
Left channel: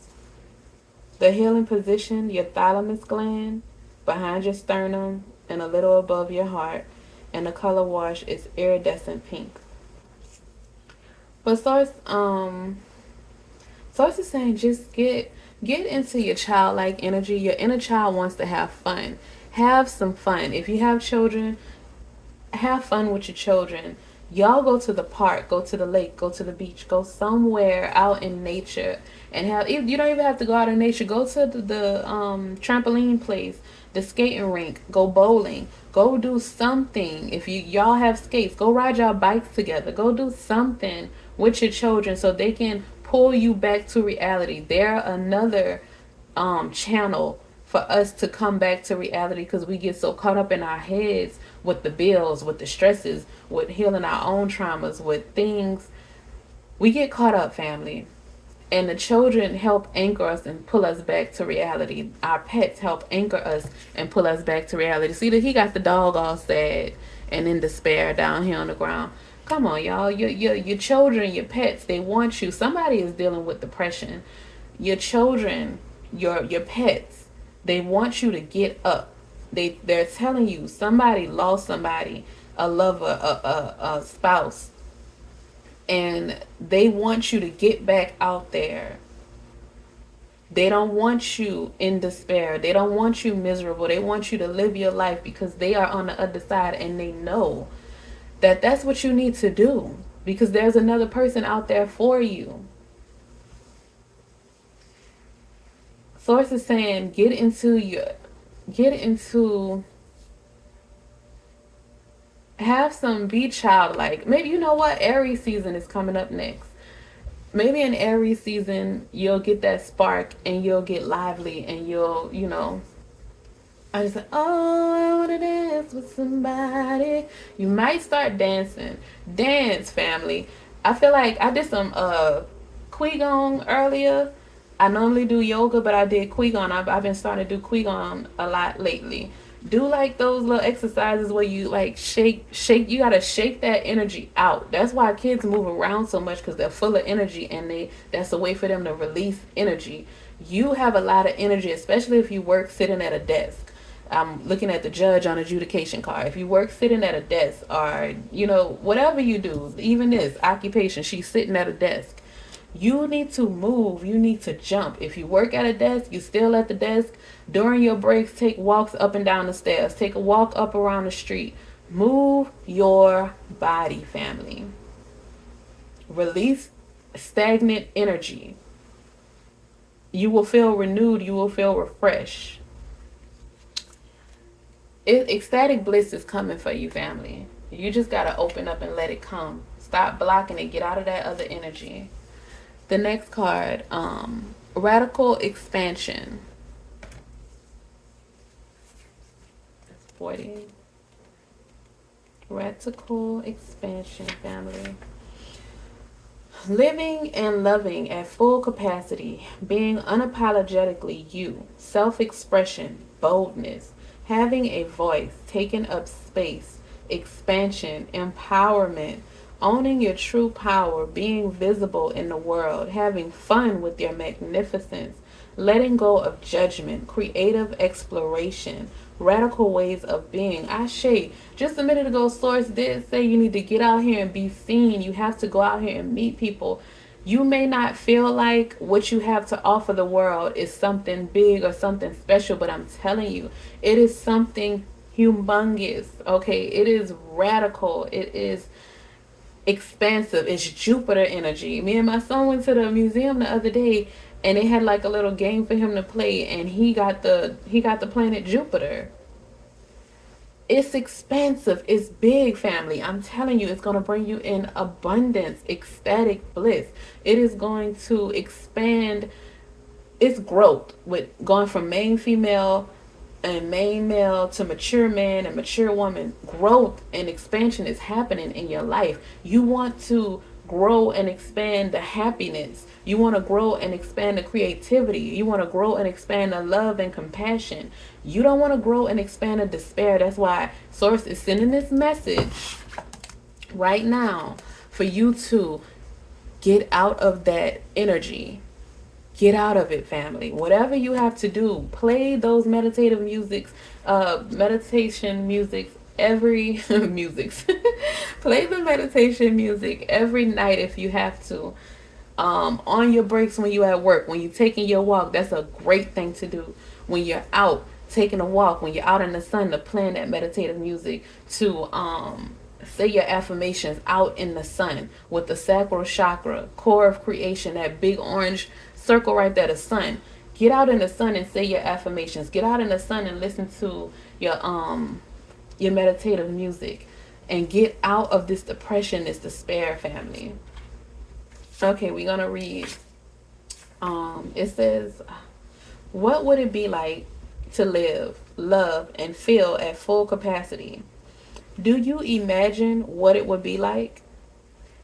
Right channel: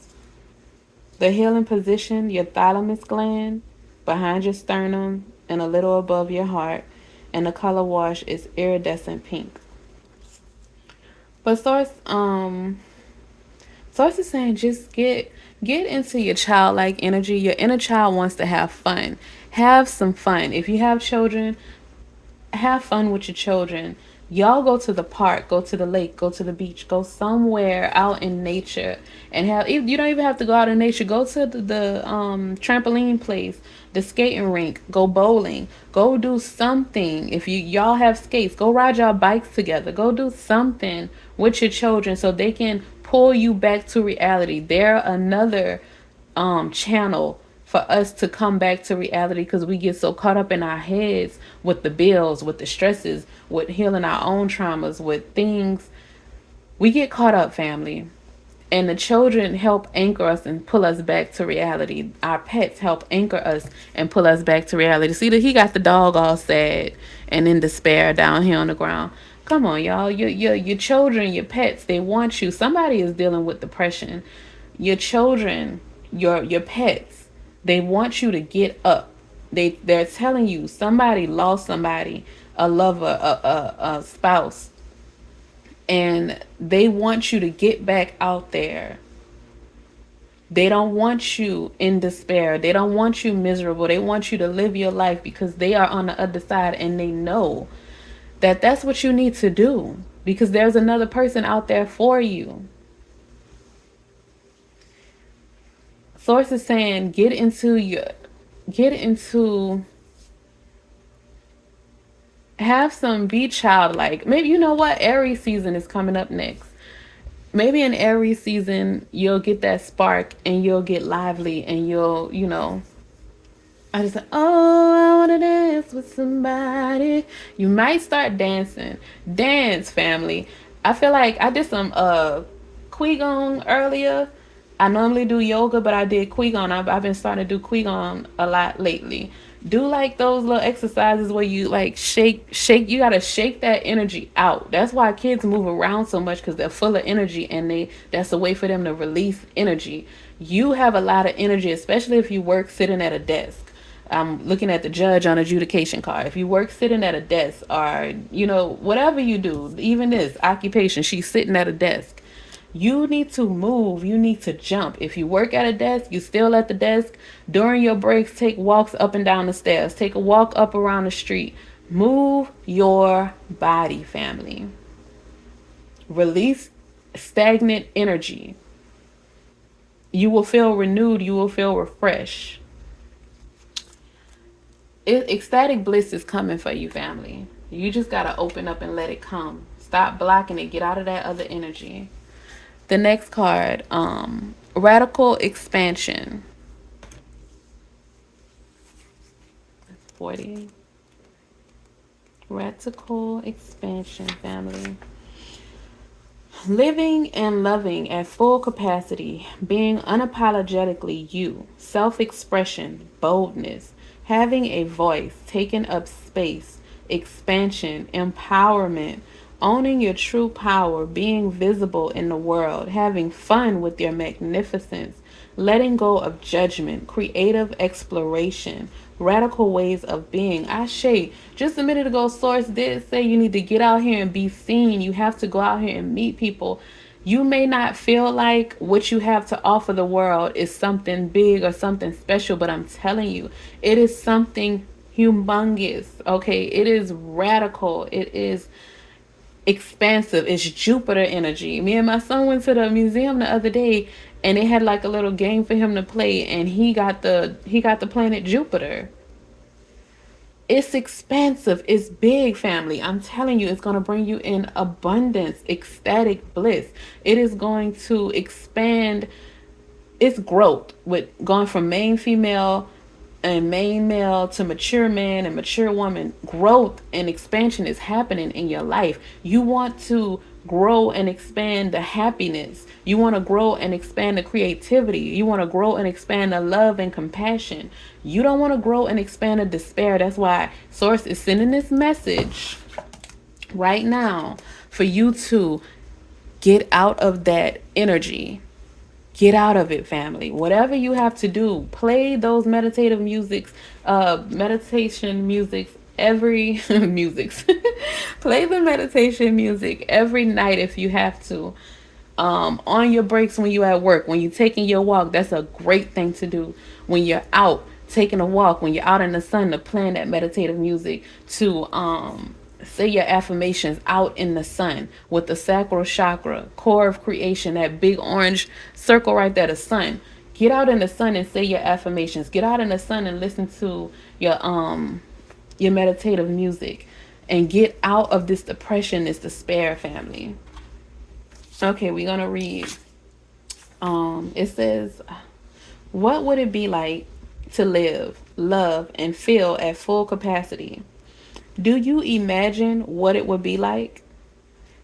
The healing position, your thalamus gland, behind your sternum and a little above your heart. And the color wash is iridescent pink. But Source is saying just get into your childlike energy. Your inner child wants to have fun. Have some fun. If you have children, have fun with your children. Y'all go to the park, go to the lake, go to the beach, go somewhere out in nature, and have. You don't even have to go out in nature. Go to the trampoline place, the skating rink, go bowling, go do something. If y'all have skates, go ride y'all bikes together. Go do something with your children so they can pull you back to reality. They're another channel for us to come back to reality, because we get so caught up in our heads with the bills, with the stresses, with healing our own traumas, with things. We get caught up, family. And the children help anchor us and pull us back to reality. Our pets help anchor us and pull us back to reality. See that he got the dog all sad and in despair down here on the ground. Come on, y'all. Your children, your pets, they want you. Somebody is dealing with depression. Your children, your pets, they want you to get up. They're telling you somebody lost somebody, a lover, a spouse, and they want you to get back out there. They don't want you in despair. They don't want you miserable. They want you to live your life, because they are on the other side and they know that that's what you need to do, because there's another person out there for you. Source is saying get into have some, be childlike. Maybe, you know what, Aries season is coming up next. Maybe in Aries season you'll get that spark and you'll get lively and you'll, I just like, oh, I want to dance with somebody. You might start dancing. Dance, family. I feel like I did some Qigong earlier. I normally do yoga, but I did Qigong. I've been starting to do Qigong a lot lately. Do like those little exercises where you like shake. You gotta shake that energy out. That's why kids move around so much, because they're full of energy, and that's a way for them to release energy. You have a lot of energy, especially if you work sitting at a desk. I'm looking at the judge on adjudication card. If you work sitting at a desk, or whatever you do, even this occupation, she's sitting at a desk. You need to move. You need to jump. If you work at a desk, you still at the desk. During your breaks, take walks up and down the stairs. Take a walk up around the street. Move your body, family. Release stagnant energy. You will feel renewed. You will feel refreshed. Ecstatic bliss is coming for you, family. You just got to open up and let it come. Stop blocking it. Get out of that other energy. The next card, radical expansion. That's 40. Radical expansion, family. Living and loving at full capacity, being unapologetically you, self-expression, boldness, having a voice, taking up space, expansion, empowerment, owning your true power, being visible in the world, having fun with your magnificence, letting go of judgment, creative exploration, radical ways of being. Ashe, just a minute ago, Source did say you need to get out here and be seen. You have to go out here and meet people. You may not feel like what you have to offer the world is something big or something special, but I'm telling you, it is something humongous, okay? It is radical. It is expansive. It's Jupiter energy. Me and my son went to the museum the other day, and they had like a little game for him to play, and he got the planet Jupiter. It's expansive. It's big, family. I'm telling you, it's going to bring you in abundance, ecstatic bliss. It is going to expand its growth with going from main female and main male to mature man and mature woman. Growth and expansion is happening in your life. You want to grow and expand the happiness. You want to grow and expand the creativity. You want to grow and expand the love and compassion. You don't want to grow and expand the despair. That's why Source is sending this message right now for you to get out of that energy. Get out of it, family. Whatever you have to do, play those meditation musics every musics. Play the meditation music every night if you have to. On your breaks when you're at work, when you're taking your walk, that's a great thing to do. When you're out taking a walk, when you're out in the sun, to plan that meditative music, to say your affirmations out in the sun with the sacral chakra, core of creation, that big orange circle right there, the sun. Get out in the sun and say your affirmations. Get out in the sun and listen to your meditative music, and get out of this depression, this despair, family. Okay, we're gonna read. It says, what would it be like to live, love, and feel at full capacity? Do you imagine what it would be like?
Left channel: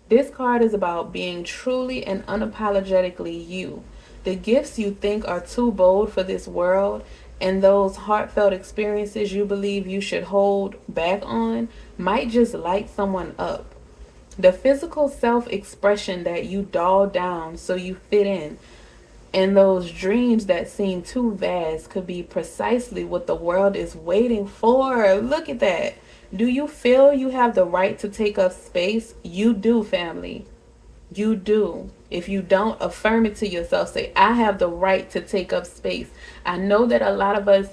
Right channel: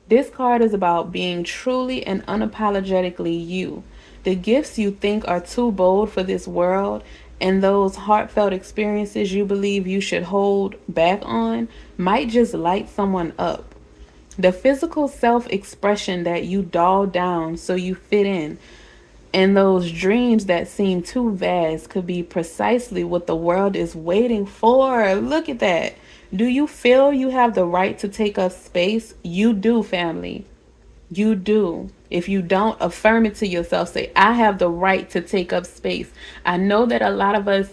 This card is about being truly and unapologetically you. The gifts you think are too bold for this world, and those heartfelt experiences you believe you should hold back on, might just light someone up. The physical self-expression that you doll down so you fit in, and those dreams that seem too vast, could be precisely what the world is waiting for. Look at that. Do you feel you have the right to take up space? You do, family. You do. If you don't, affirm it to yourself. Say, I have the right to take up space. I know that a lot of us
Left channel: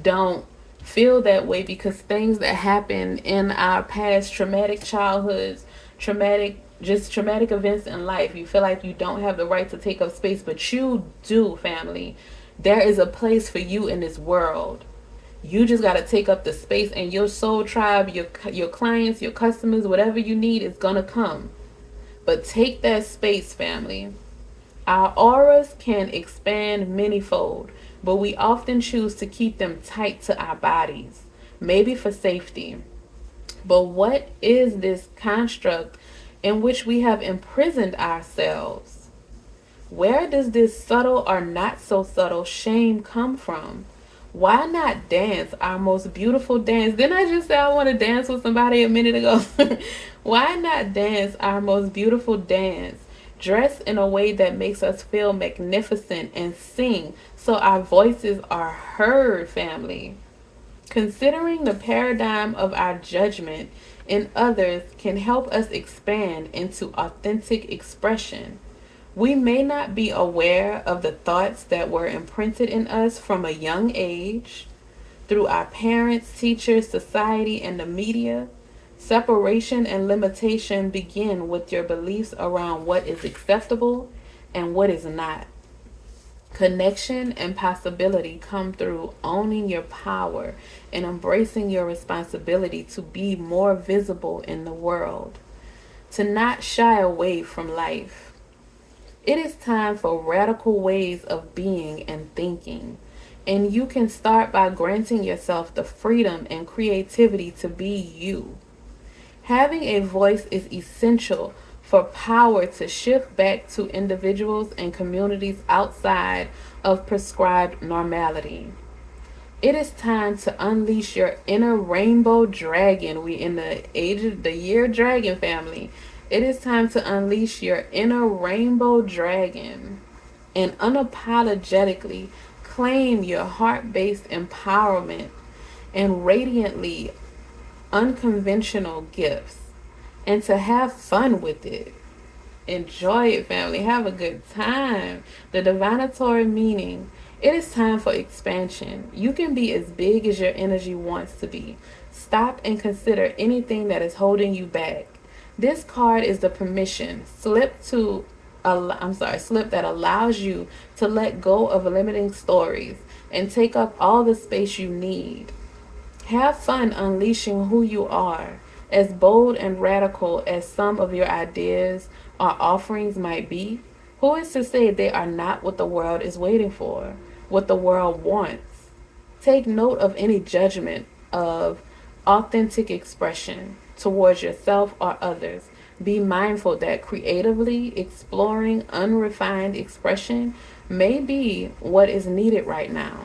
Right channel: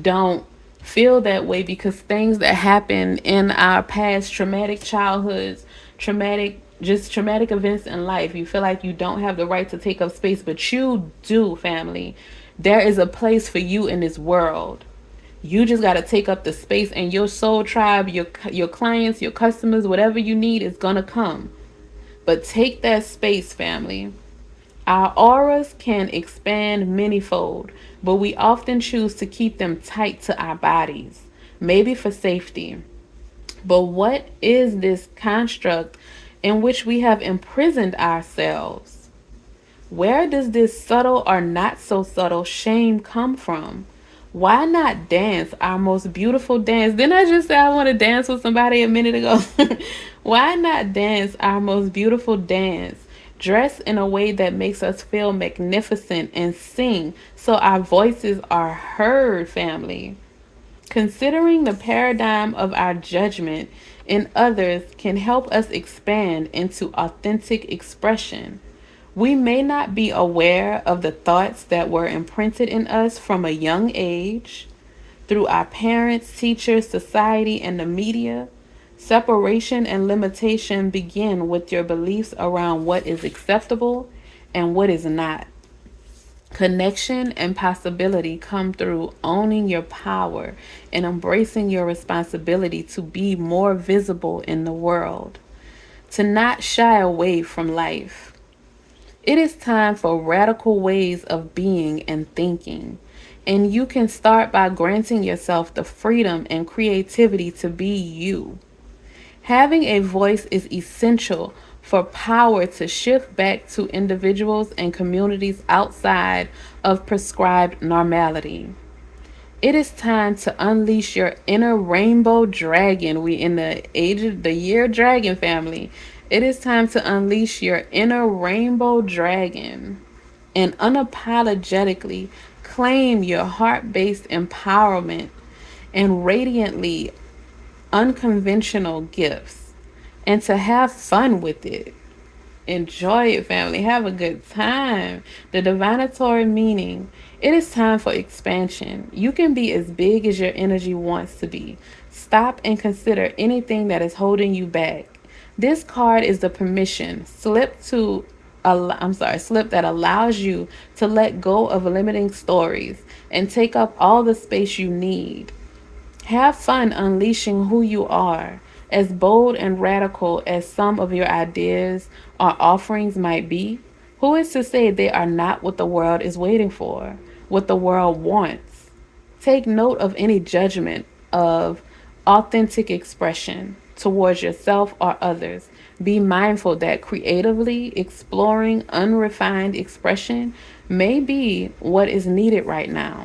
don't feel that way because things that happen in our past, traumatic childhoods, traumatic events in life, you feel like you don't have the right to take up space, but you do, family. There is a place for you in this world. You just got to take up the space, and your soul tribe, your clients, your customers, whatever you need is going to come. But take that space, family. Our auras can expand manyfold, but we often choose to keep them tight to our bodies, maybe for safety. But what is this construct in which we have imprisoned ourselves. Where does this subtle or not so subtle shame come from? Why not dance our most beautiful dance? Didn't I just say I want to dance with somebody a minute ago? Why not dance our most beautiful dance? Dress in a way that makes us feel magnificent and sing so our voices are heard, family. Considering the paradigm of our judgment in others can help us expand into authentic expression. We may not be aware of the thoughts that were imprinted in us from a young age through our parents, teachers, society, and the media. Separation and limitation begin with your beliefs around what is acceptable and what is not. Connection and possibility come through owning your power and embracing your responsibility to be more visible in the world, to not shy away from life. It is time for radical ways of being and thinking, and you can start by granting yourself the freedom and creativity to be you. Having a voice is essential for power to shift back to individuals and communities outside of prescribed normality. It is time to unleash your inner rainbow dragon. We in the age of the year dragon, family. It is time to unleash your inner rainbow dragon and unapologetically claim your heart-based empowerment and radiantly unconventional gifts, and to have fun with it. Enjoy it, family. Have a good time. The divinatory meaning. It is time for expansion. You can be as big as your energy wants to be. Stop and consider anything that is holding you back. This card is the permission slip that allows you to let go of limiting stories and take up all the space you need. Have fun unleashing who you are. As bold and radical as some of your ideas or offerings might be, who is to say they are not what the world is waiting for, what the world wants? Take note of any judgment of authentic expression towards yourself or others. Be mindful that creatively exploring unrefined expression may be what is needed right now.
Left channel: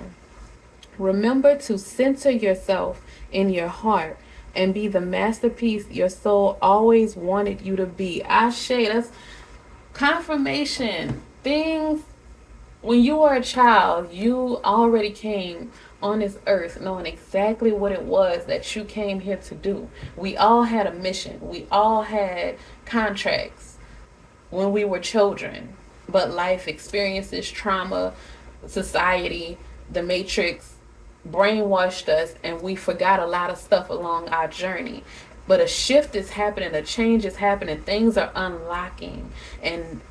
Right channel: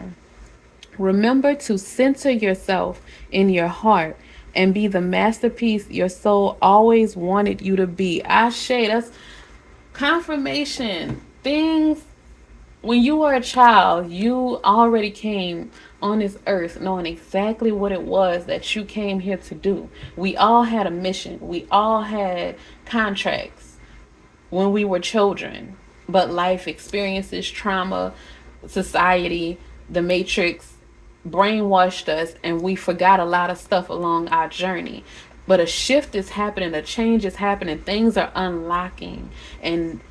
Remember to center yourself in your heart and be the masterpiece your soul always wanted you to be. Ashe, that's confirmation. Things, when you were a child, you already came on this earth knowing exactly what it was that you came here to do. We all had a mission. We all had contracts when we were children. But life experiences, trauma, society, the matrix brainwashed us, and we forgot a lot of stuff along our journey. But a shift is happening, a change is happening, things are unlocking, and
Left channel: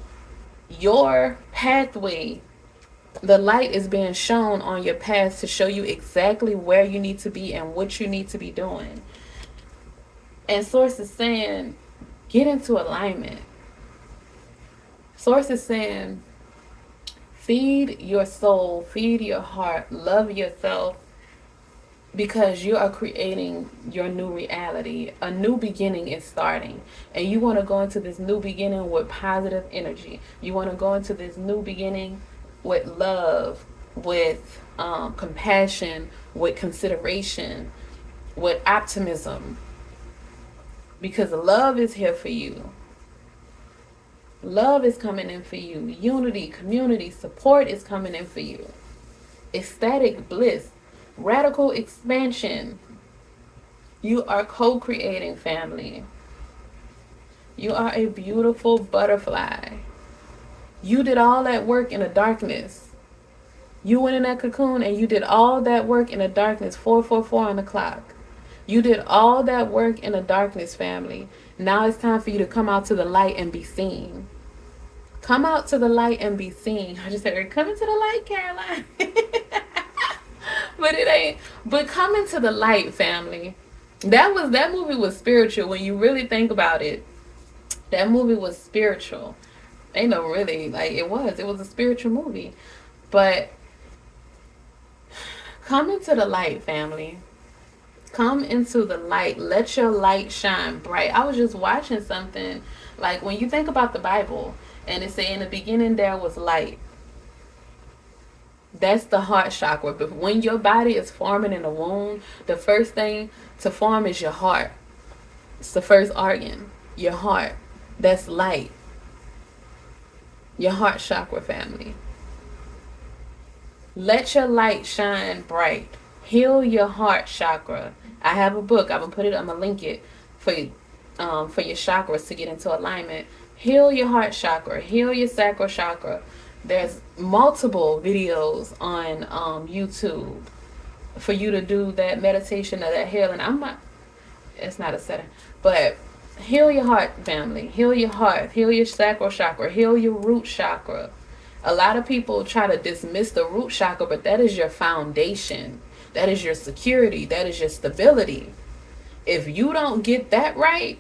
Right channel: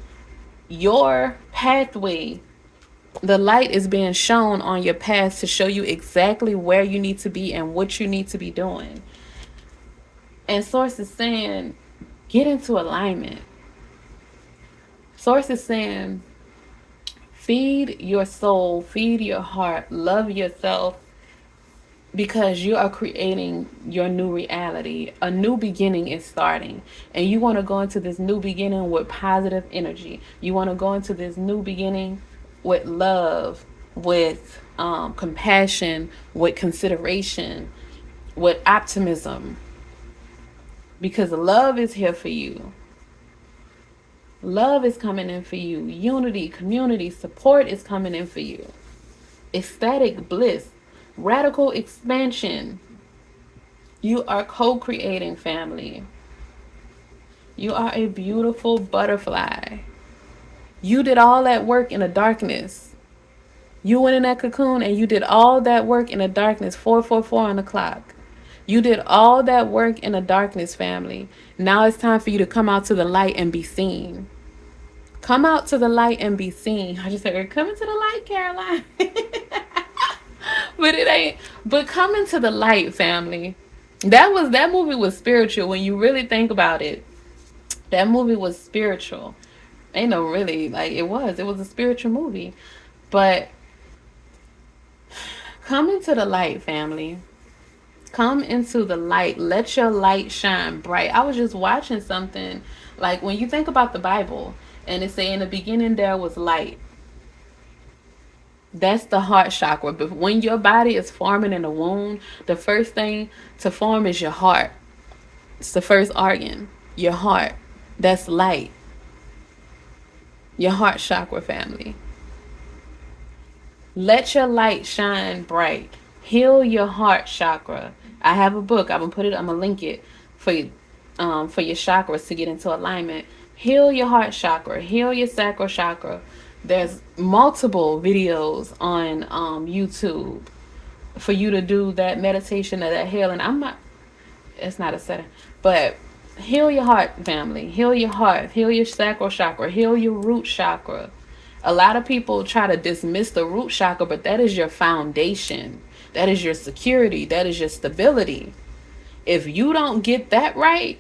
your pathway, the light is being shown on your path to show you exactly where you need to be and what you need to be doing. And Source is saying, get into alignment. Source is saying, feed your soul, feed your heart, love yourself, because you are creating your new reality. A new beginning is starting, and you want to go into this new beginning with positive energy. You want to go into this new beginning with love, with compassion, with consideration, with optimism, because love is here for you. Love is coming in for you. Unity, community, support is coming in for you. Ecstatic bliss, radical expansion. You are co-creating, family. You are a beautiful butterfly. You did all that work in the darkness. You went in that cocoon and you did all that work in the darkness. 444 on the clock. You did all that work in the darkness, family. Now it's time for you to come out to the light and be seen. Come out to the light and be seen. I just said, come into the light, Caroline. But it ain't. But come into the light, family. That movie was spiritual when you really think about it. That movie was spiritual. Ain't no really, like, it was a spiritual movie. But come into the light, family. Come into the light. Let your light shine bright. I was just watching something Like when you think about the Bible and it say in the beginning there was light, that's the heart chakra. But when your body is forming in the womb, the first thing to form is your heart. It's the first organ, your heart. That's light. Your heart chakra, family. Let your light shine bright. Heal your heart chakra. I have a book. I'm gonna link it for you, for your chakras to get into alignment. Heal your heart chakra. Heal your sacral chakra. There's multiple videos on YouTube for you to do that meditation or that healing. It's not a setting, but heal your heart, family. Heal your heart. Heal your sacral chakra. Heal your root chakra. A lot of people try to dismiss the root chakra, but that is your foundation. That is your security. That is your stability. If you don't get that right,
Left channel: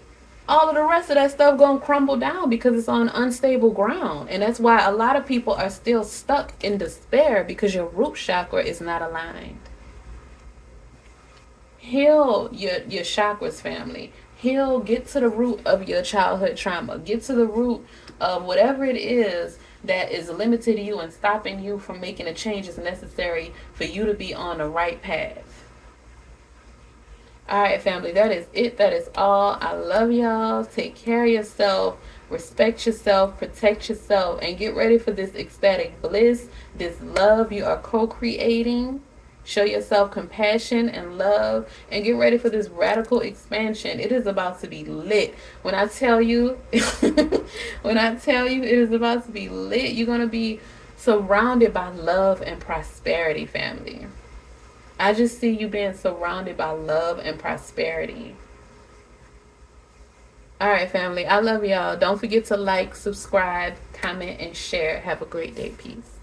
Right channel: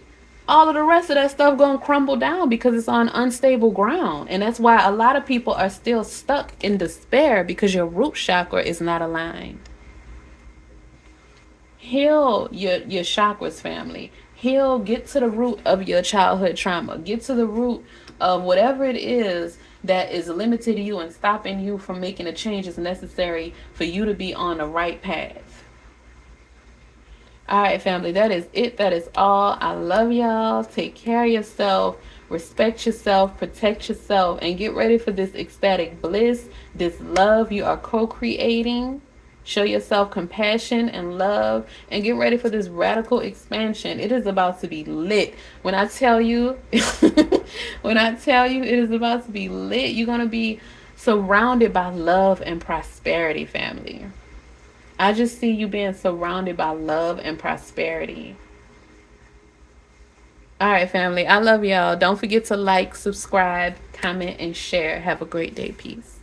all of the rest of that stuff gonna crumble down because it's on unstable ground. And that's why a lot of people are still stuck in despair, because your root chakra is not aligned. Heal your chakras, family. Heal, get to the root of your childhood trauma. Get to the root of whatever it is that is limiting you and stopping you from making the changes necessary for you to be on the right path. All right, family, that is it. That is all. I love y'all. Take care of yourself. Respect yourself. Protect yourself. And get ready for this ecstatic bliss, this love you are co-creating. Show yourself compassion and love, and get ready for this radical expansion. It is about to be lit. When I tell you, when I tell you it is about to be lit, you're going to be surrounded by love and prosperity, family. I just see you being surrounded by love and prosperity. All right, family. I love y'all. Don't forget to like, subscribe, comment, and share. Have a great day. Peace.